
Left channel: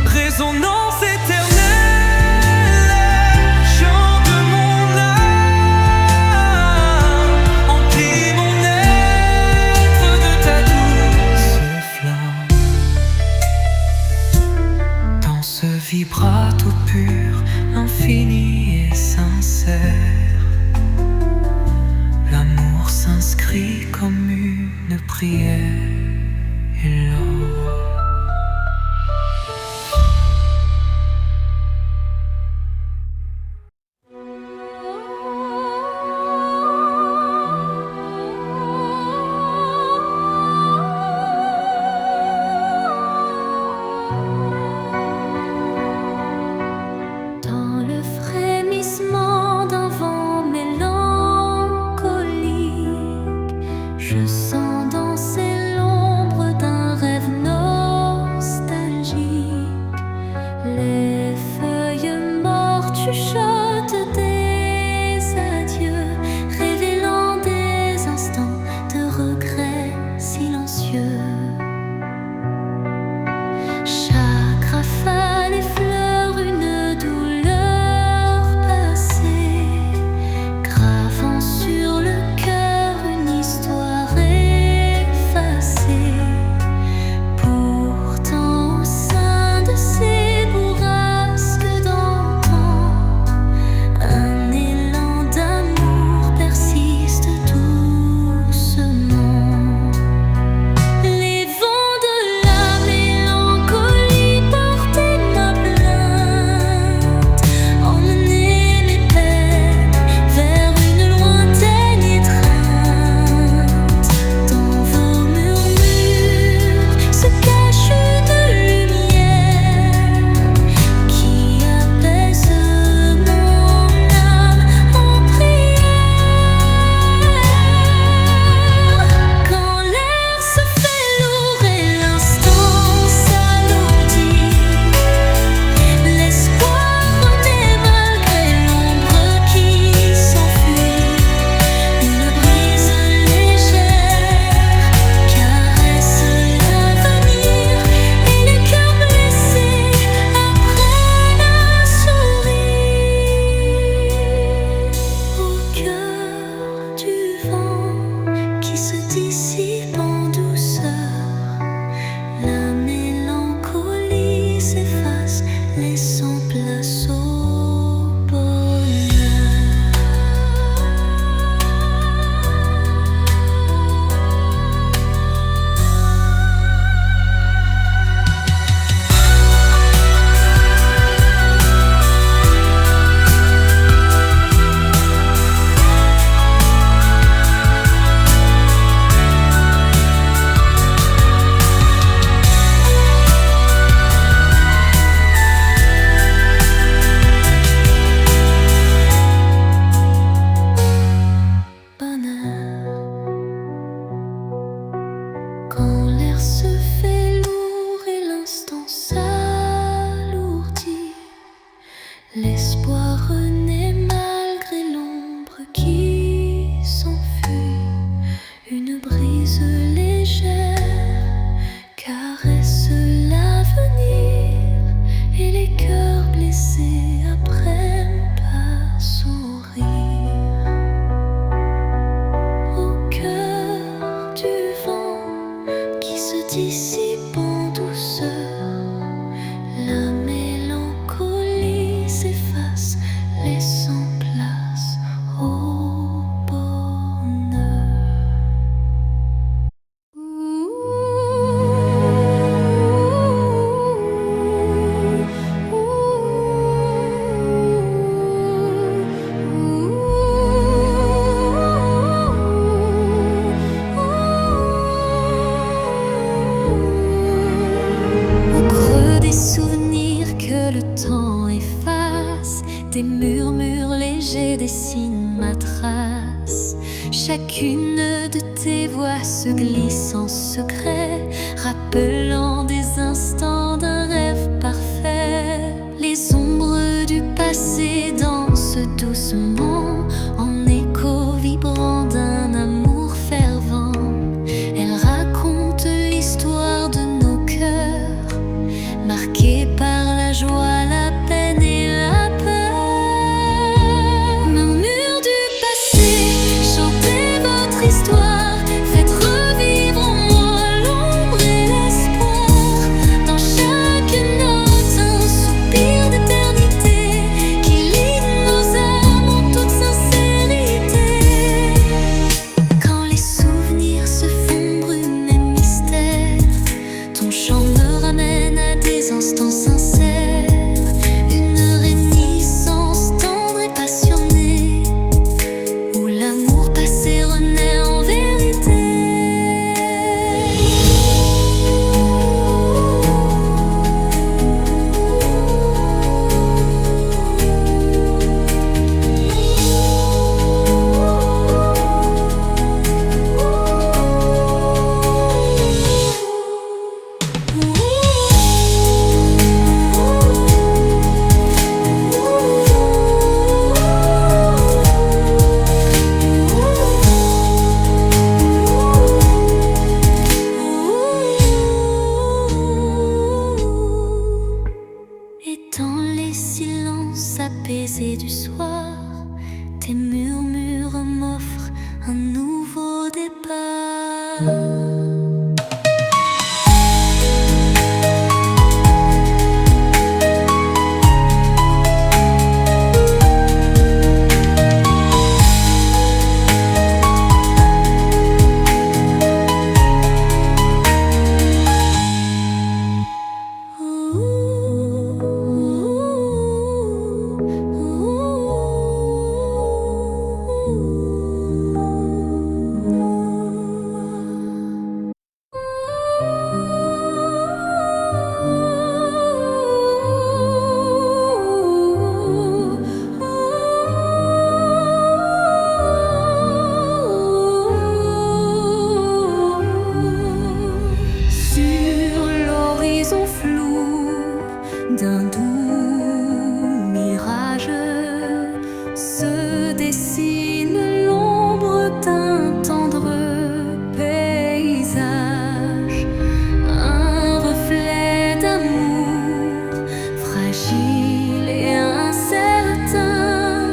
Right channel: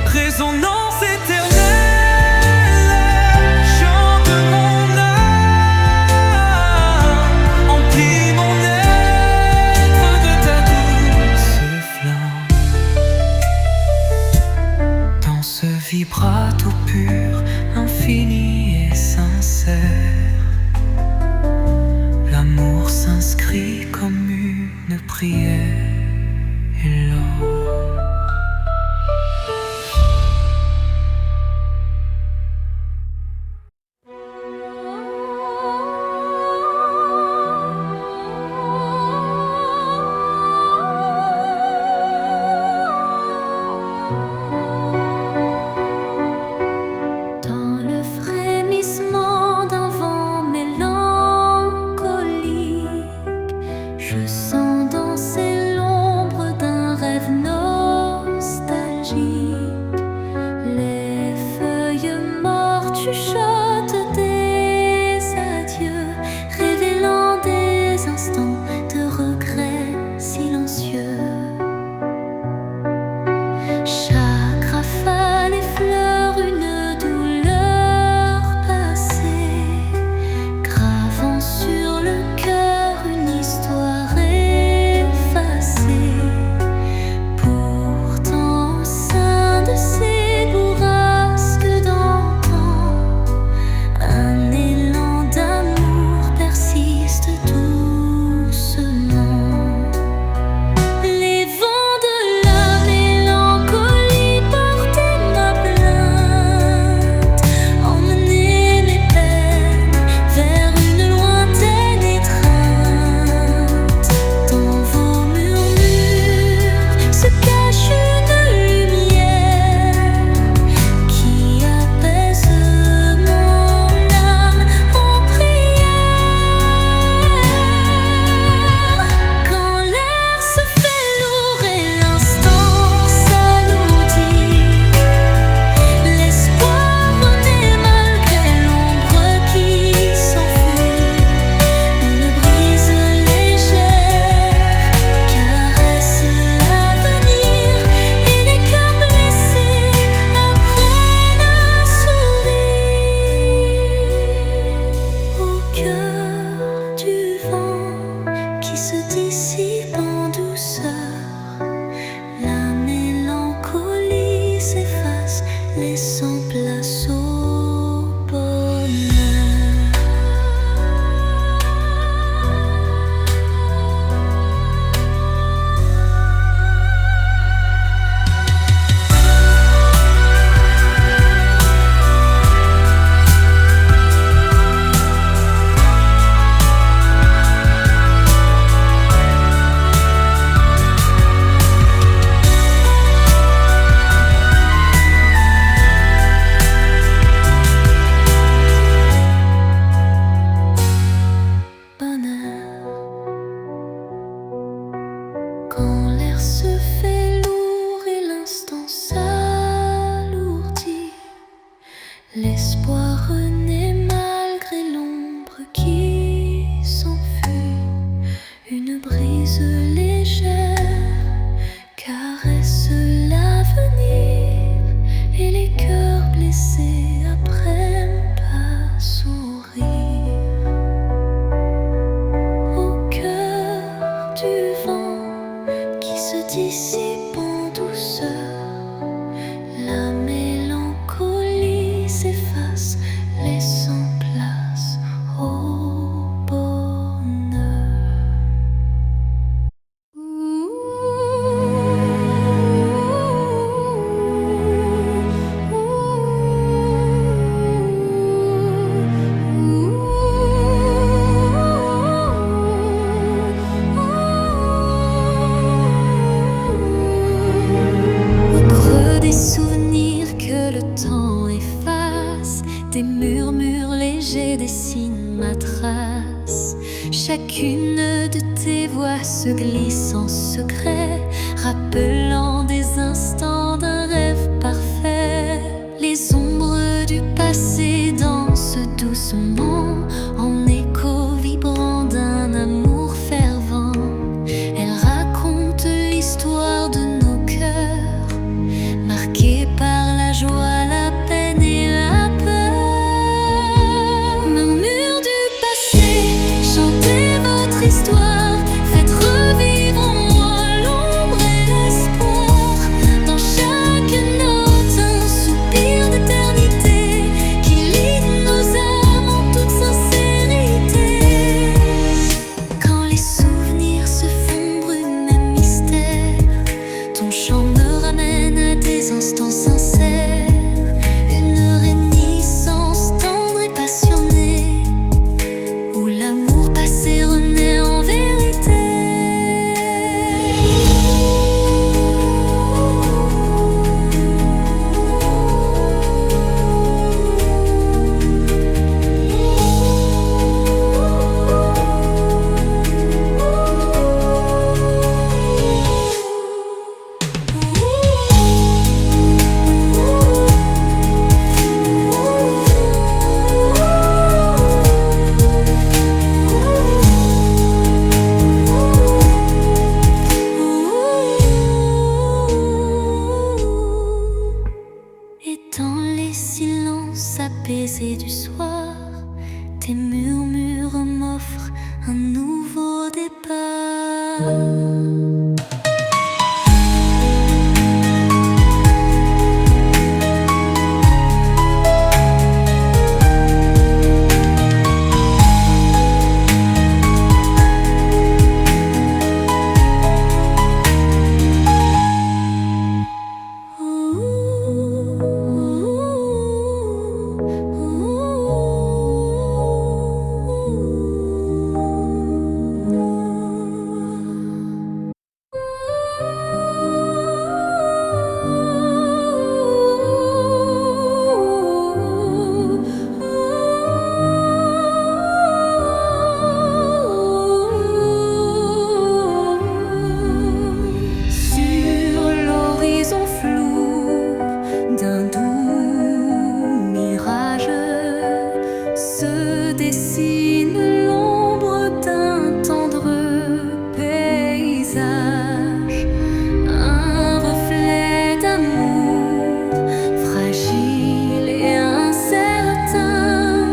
Résonance éternelle, chant de mon âme, emplis mon être de ta douce flamme. Dans ce vibrato pur, infini et sincère, l'amour s'inscrit comme une prière. Et l'or dans le frémissement d'un vent mélancolique, je sens danser l'ombre d'un rêve nostalgique. Les feuilles mortes chuchotent des adieux, révélant des instants de regret silencieux. Chaque rafale effleure une douleur passée, gravant sur le cœur une histoire effacée. Pourtant au sein de ces bourrasques d'antan, L'espoir renaît malgré l'ombre qui s'enfuit. Une brise légère caresse l'avenir et les cœurs blessés apprennent à sourire. Au cœur du vent qui se dissipe en douceur, la mélancolie s'efface, laissant place au bonheur. Au creux des souvenirs que le temps efface, des murmures légers dessinent ma trace. Chacune de tes voix se glisse en secret, rappelant des instants d'un rêve parfait. Les ombres du passé dansent doucement, en écho vibrant d'un amour fervent. Elles racontent l'histoire de nos cœurs, marqués par la joie, la peine et la peur. Murmures du passé, chantez votre histoire, faites revivre en moi l'ombre et l'espoir. Dans chaque note, un soupir d'éternité qui lie nos âmes en toute sincérité. Quand les souvenirs se font brume et mystère, ton chant me ramène à des instants sincères, une réminiscence tendre et passionnée, où l'amour passé renaît en vérité. Et dans les silences apaisés du soir, tes murmures m'offrent un nouveau départ. Flou d'un doux mirage se dessine l'ombre d'un tendre paysage, un reflet d'amour fragile et incertain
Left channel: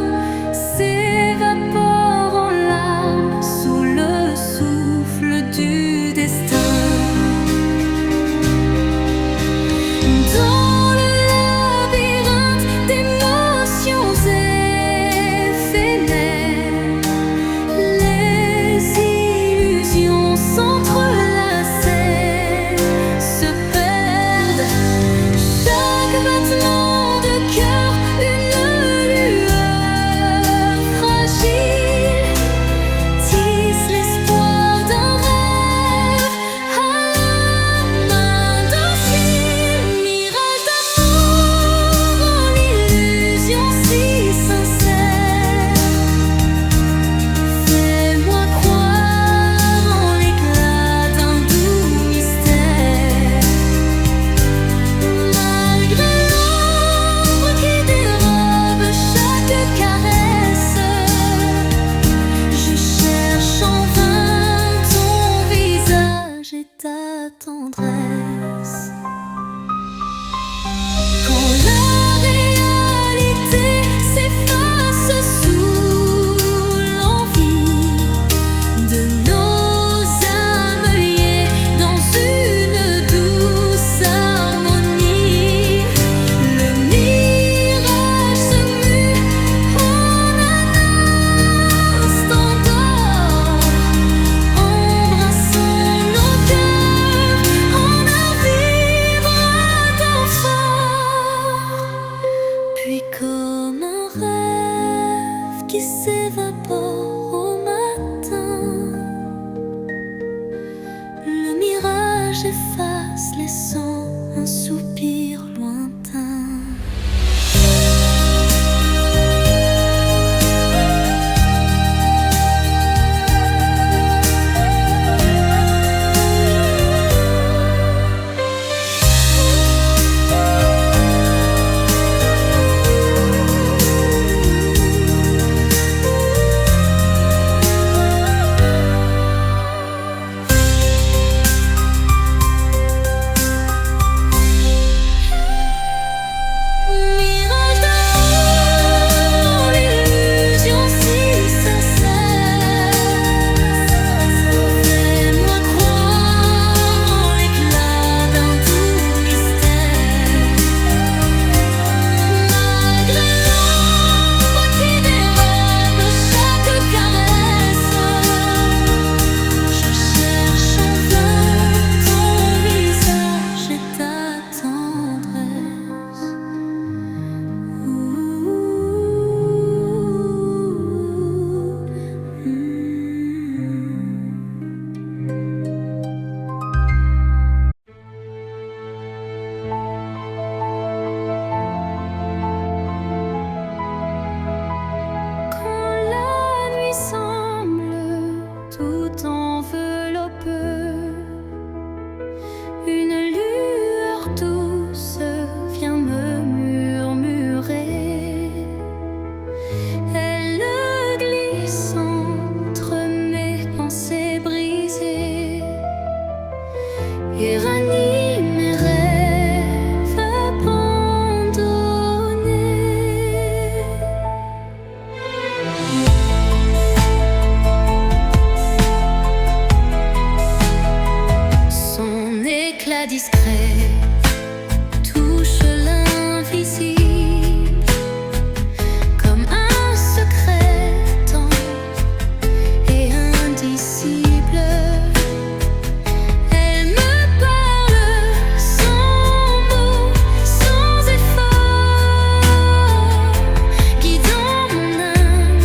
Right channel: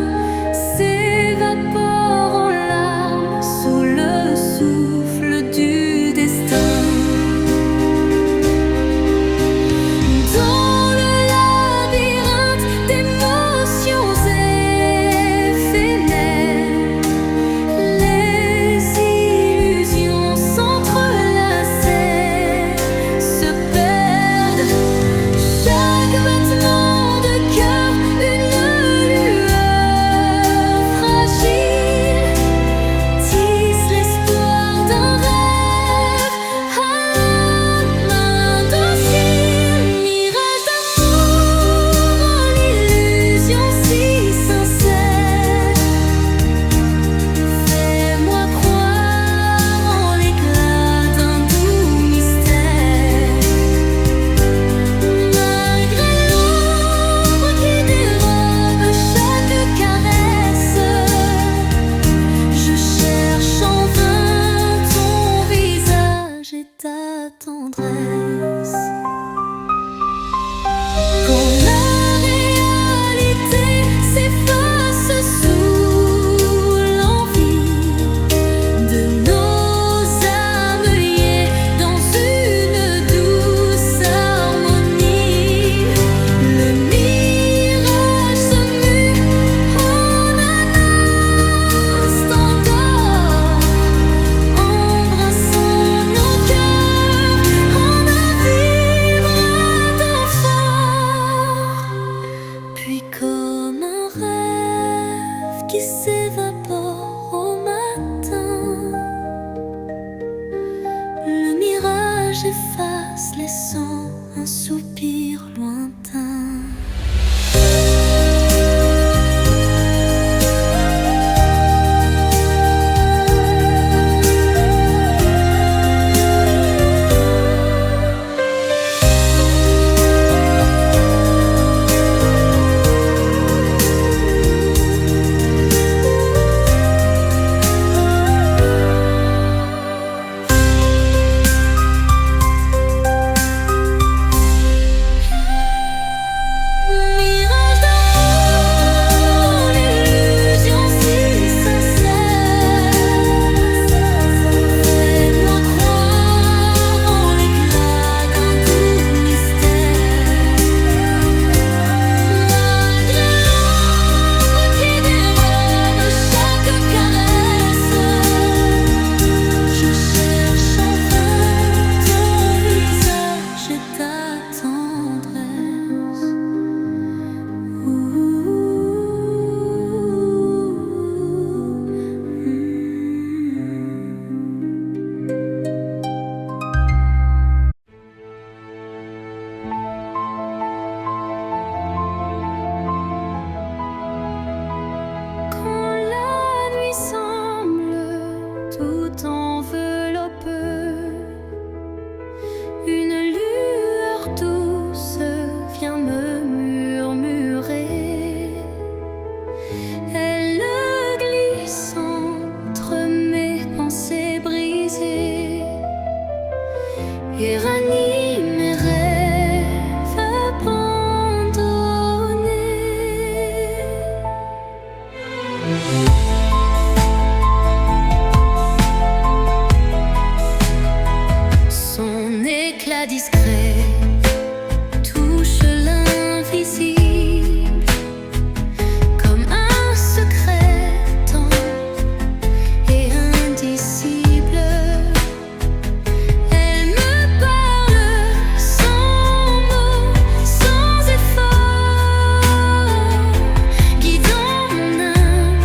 s'évapore en larmes sous le souffle du destin. Dans le labyrinthe d'émotions éphémères, les illusions s'entrelacent, se perdent. Chaque battement de Le mirage se mue en un instant d'or, embrassant nos cœurs en un vibrato fort. Puis comme un rêve qui s'évapore au matin, le mirage efface, laissant un soupir lointain. Mirage d'amour, l'illusion si sincère, fais-moi croire en l'éclat d'un doux mystère. Malgré l'ombre qui dérobe chaque caresse, je cherche en vain ton visage et ta tendresse. Quand la nuit semble tout envelopper, une lueur douce vient me murmurer. Elle glisse entre mes pensées brisées et ranime mes rêves abandonnés. Son éclat discret touche l'invisible comme un secret tendre et indicible. Elle me parle sans mots, sans effort, guidant mon âme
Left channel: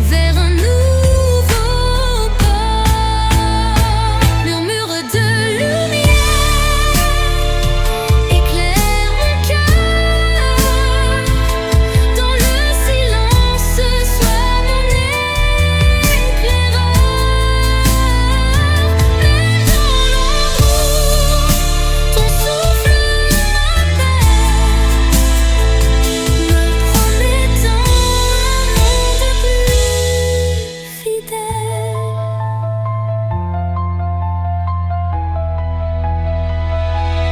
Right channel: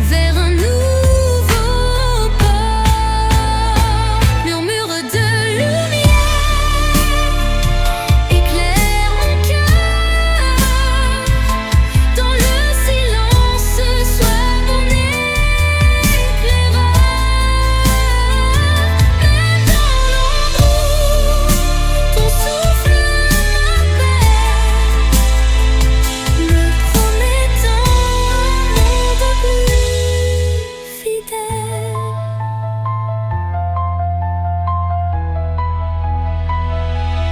vers un nouveau port. Murmure de lumière éclaire mon cœur, dans le silence sois mon éclaireur. Même dans l'ombre où ton souffle m'appelle, me promettant un monde plus fidèle.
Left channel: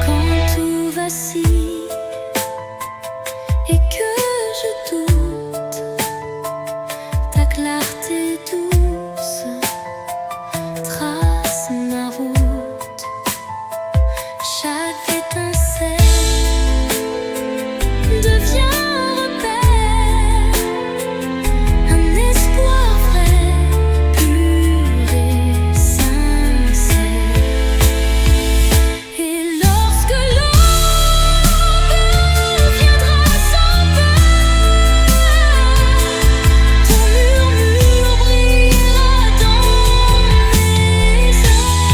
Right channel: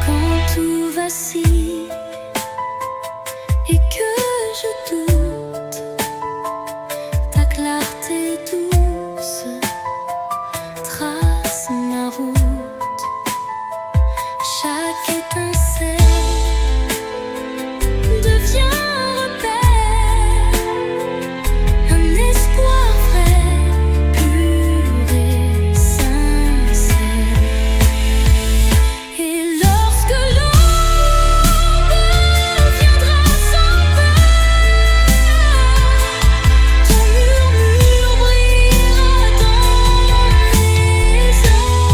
Quand tout vacille et que je doute, ta clarté douce trace ma route. Chaque étincelle devient un repère, un espoir vrai, pur et sincère. Et lorsque l'aube viendra sans peur, ton murmure brillera dans mes heures.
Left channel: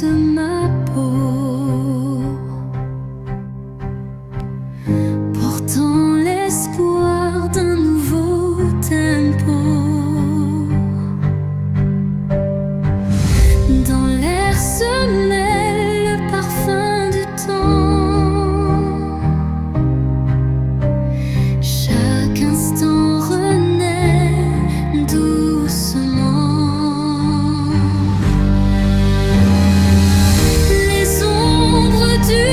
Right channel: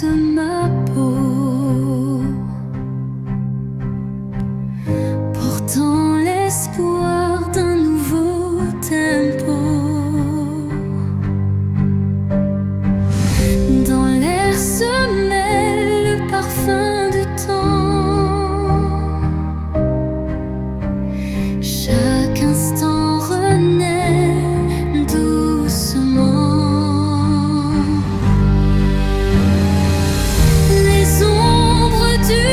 caresse ma peau, portant l'espoir d'un nouveau tempo. Dans l'air se mêle le parfum du temps. Chaque instant renaît doucement. Les ombres du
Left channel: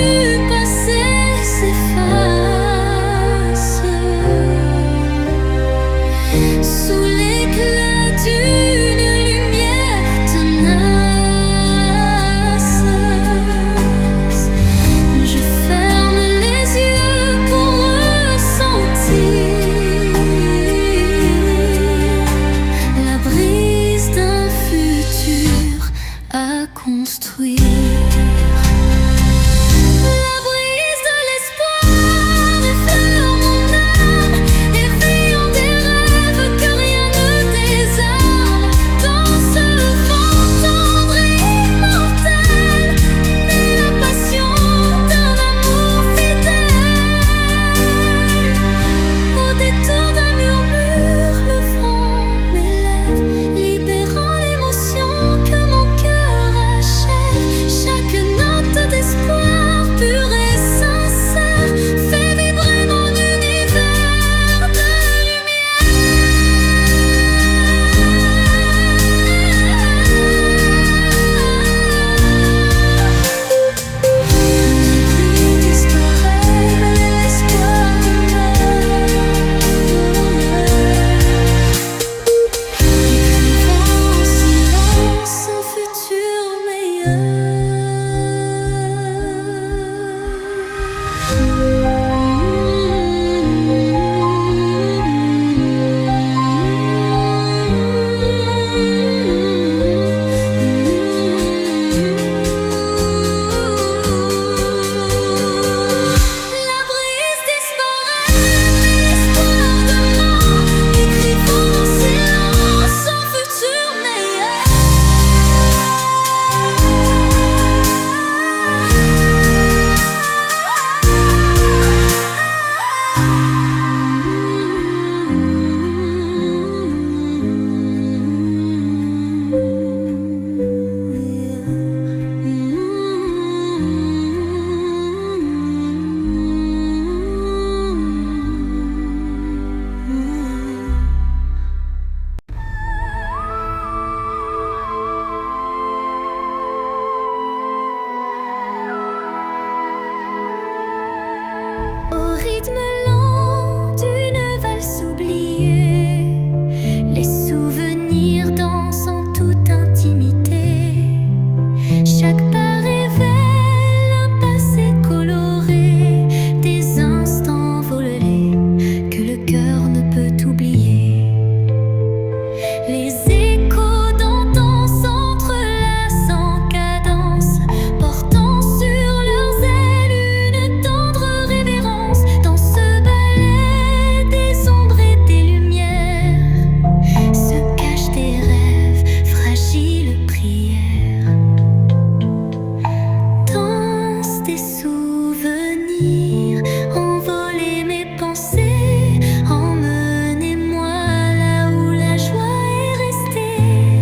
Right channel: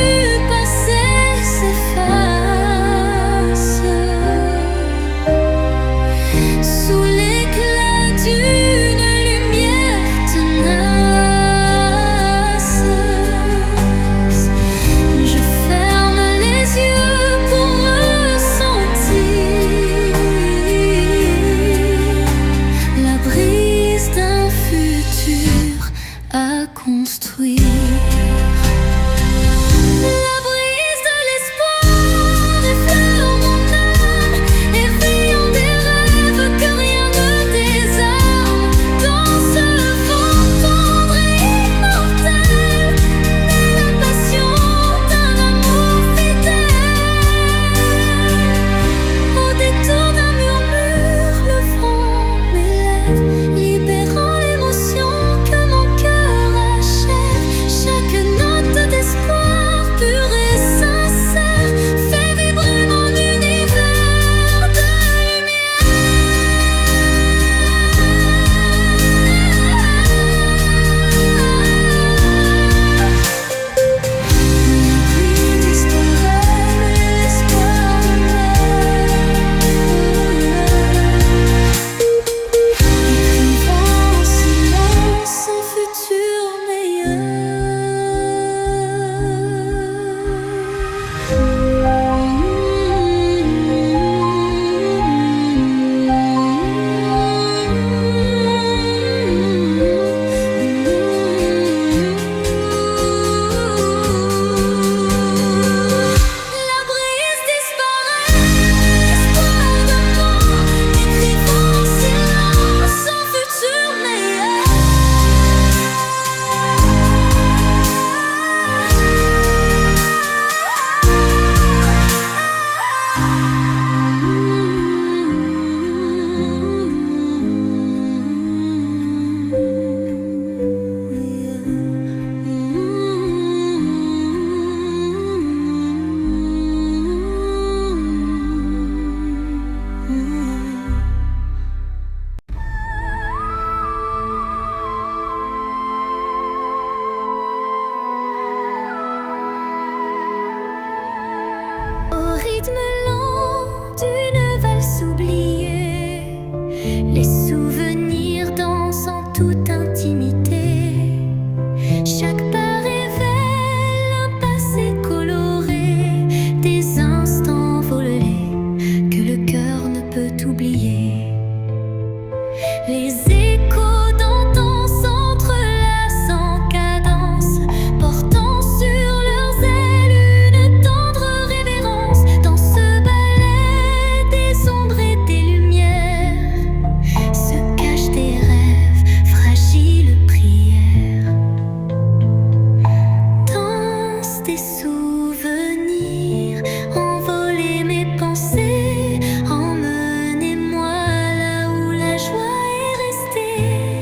passé s'effacent sous l'éclat d'une lumière tenace. Je ferme les yeux pour ressentir la brise d'un futur à construire. La brise de l'espoir effleure mon âme, éveillant des rêves que rien ne désarme. Dans ce vent tendre et immortel naît la passion d'un amour fidèle. Au détour d'un murmure, le vent m'élève, libérant l'émotion que mon cœur achève. Chaque note d'espoir pur et sincère fait vibrer mon univers de lumière. La pluie disparaît, mais l'espoir demeure, écrivant en silence un futur meilleur. La brise disparaît, mais l'espoir demeure, écrivant en silence un futur meilleur. Au rythme lent d'une valse oubliée, les souvenirs dansent en toute intimité. Chaque pas révèle un passé coloré, des instants volés que le cœur ne peut oublier. Les échos d'antan s'entrelacent en cadence, portant sur leurs ailes une tendre révérence. Dans ce ballet des ombres et des lumières se cachent des rêves, fragiles prières. Danse des souvenirs, envoler mes pensées, emmenez-moi là où la joie est restée.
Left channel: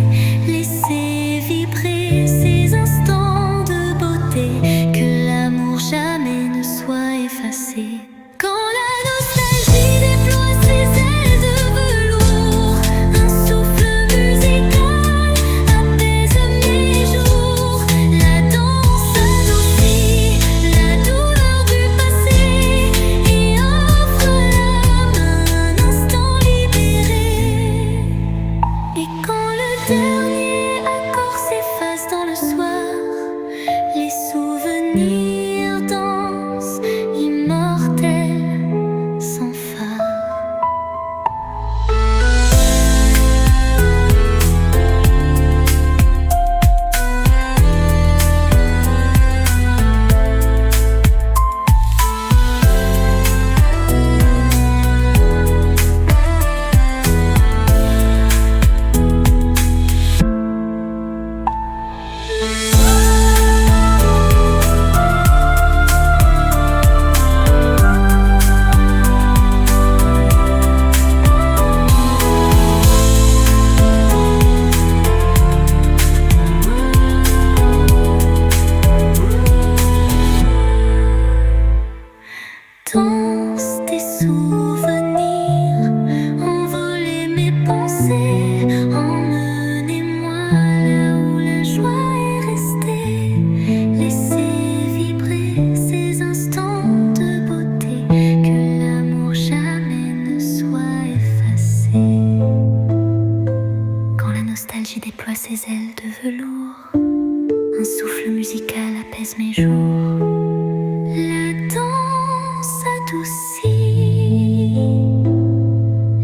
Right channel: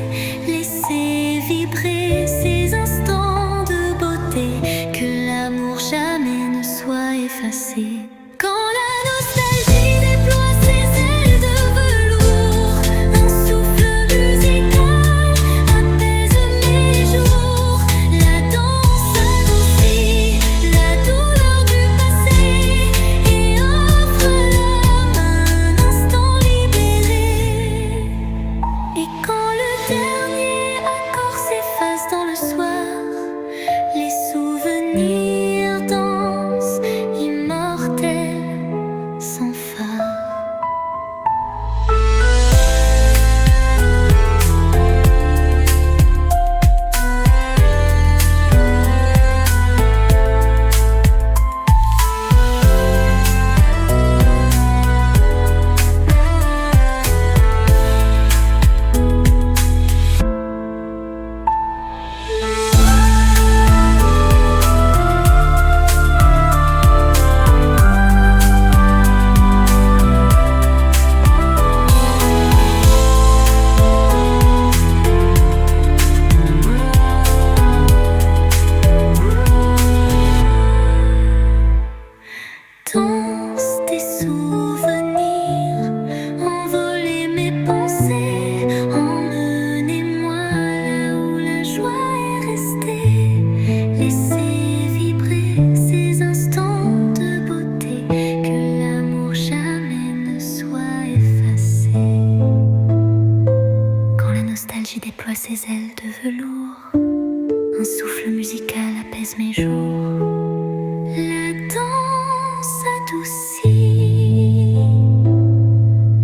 magie déploie ses ailes de velours. Un souffle musical apaise mes jours. La danse adoucit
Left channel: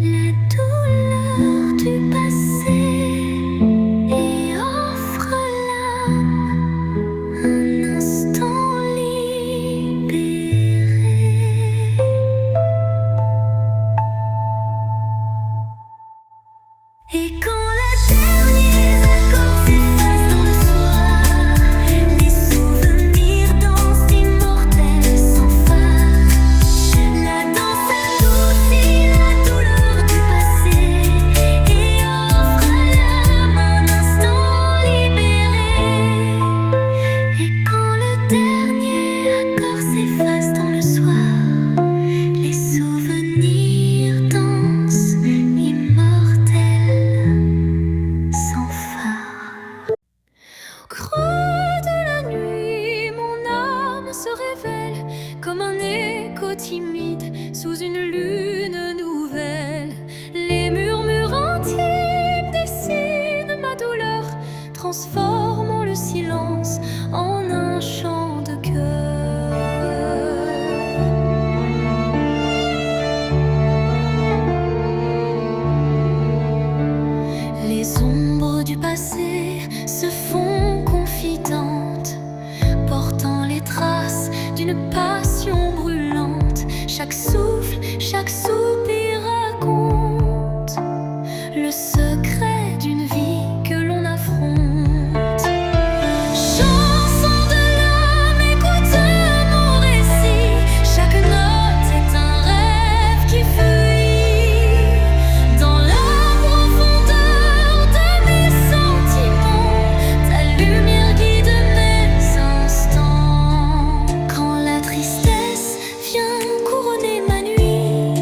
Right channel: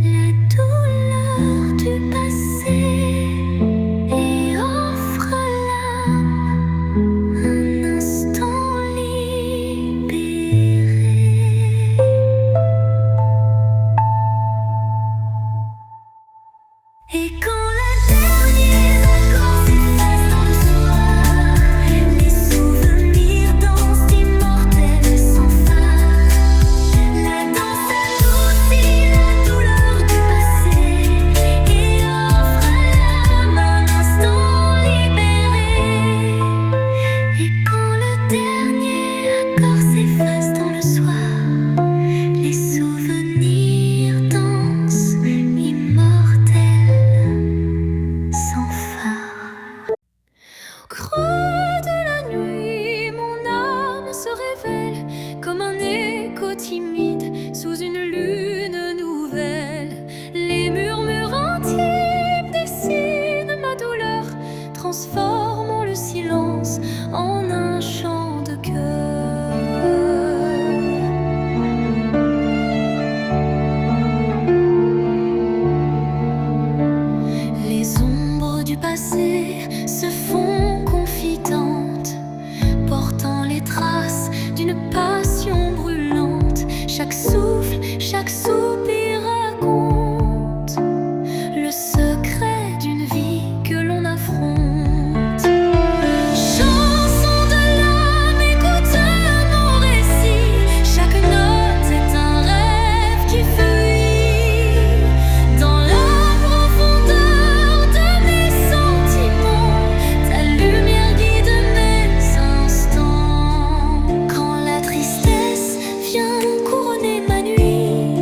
la douleur du passé et offre à l'âme un instant libéré. Et quand le dernier accord s'efface dans le soir, les souvenirs dansent immortels sans phare. La danse adoucit la douleur du passé et offre à l'âme un instant libéré. Et quand le dernier accord s'efface dans le soir, les souvenirs dansent immortels sans phare. Au creux de la nuit, mon âme se révèle comme un écho timide sous une lune nouvelle. Les murmures intimes dessinent ma douleur, transformant le silence en un chant de cœur. Les ombres du passé se font confidentes, portant les traces d'une passion brûlante. Chaque souffle, chaque soupir raconte le secret d'une vie que l'on affronte. Chanson de l'âme, écoute mon récit. Chaque note est un rêve qui fuit dans la profondeur de mes sentiments. Ta lumière guide mes instants. Quand la tristesse vient couronner ma nuit,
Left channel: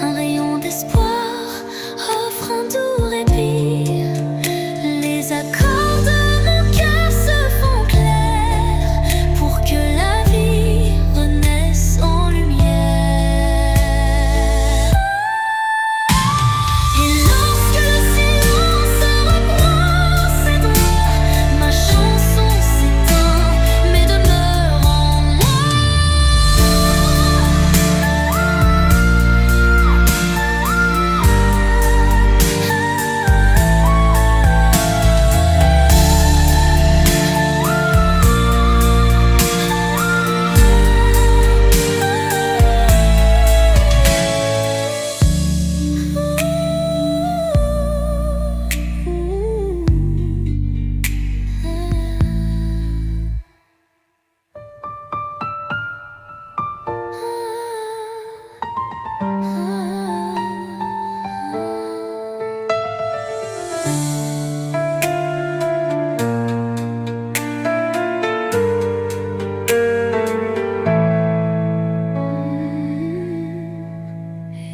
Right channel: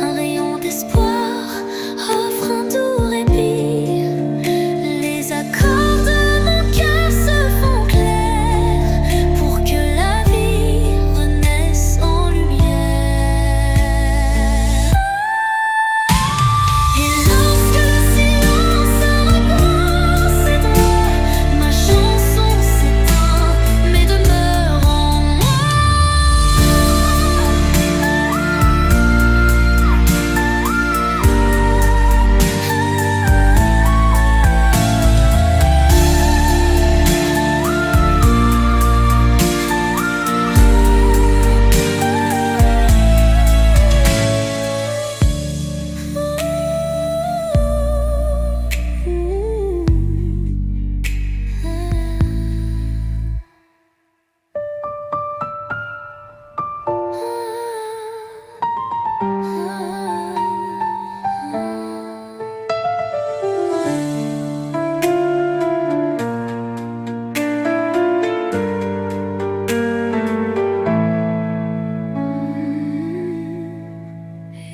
un rayon d'espoir offre un doux répit. Les accords de mon cœur se font clairs pour que la vie renaisse en lumière. Et lorsque le silence reprend ses droits, ma chanson s'éteint mais demeure en moi.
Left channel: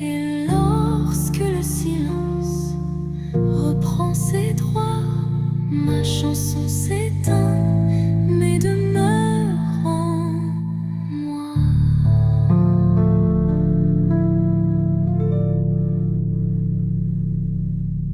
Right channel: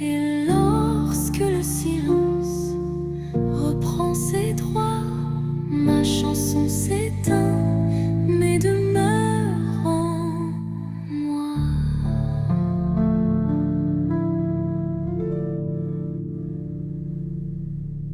Et lorsque le silence reprend ses droits, ma chanson s'éteint mais de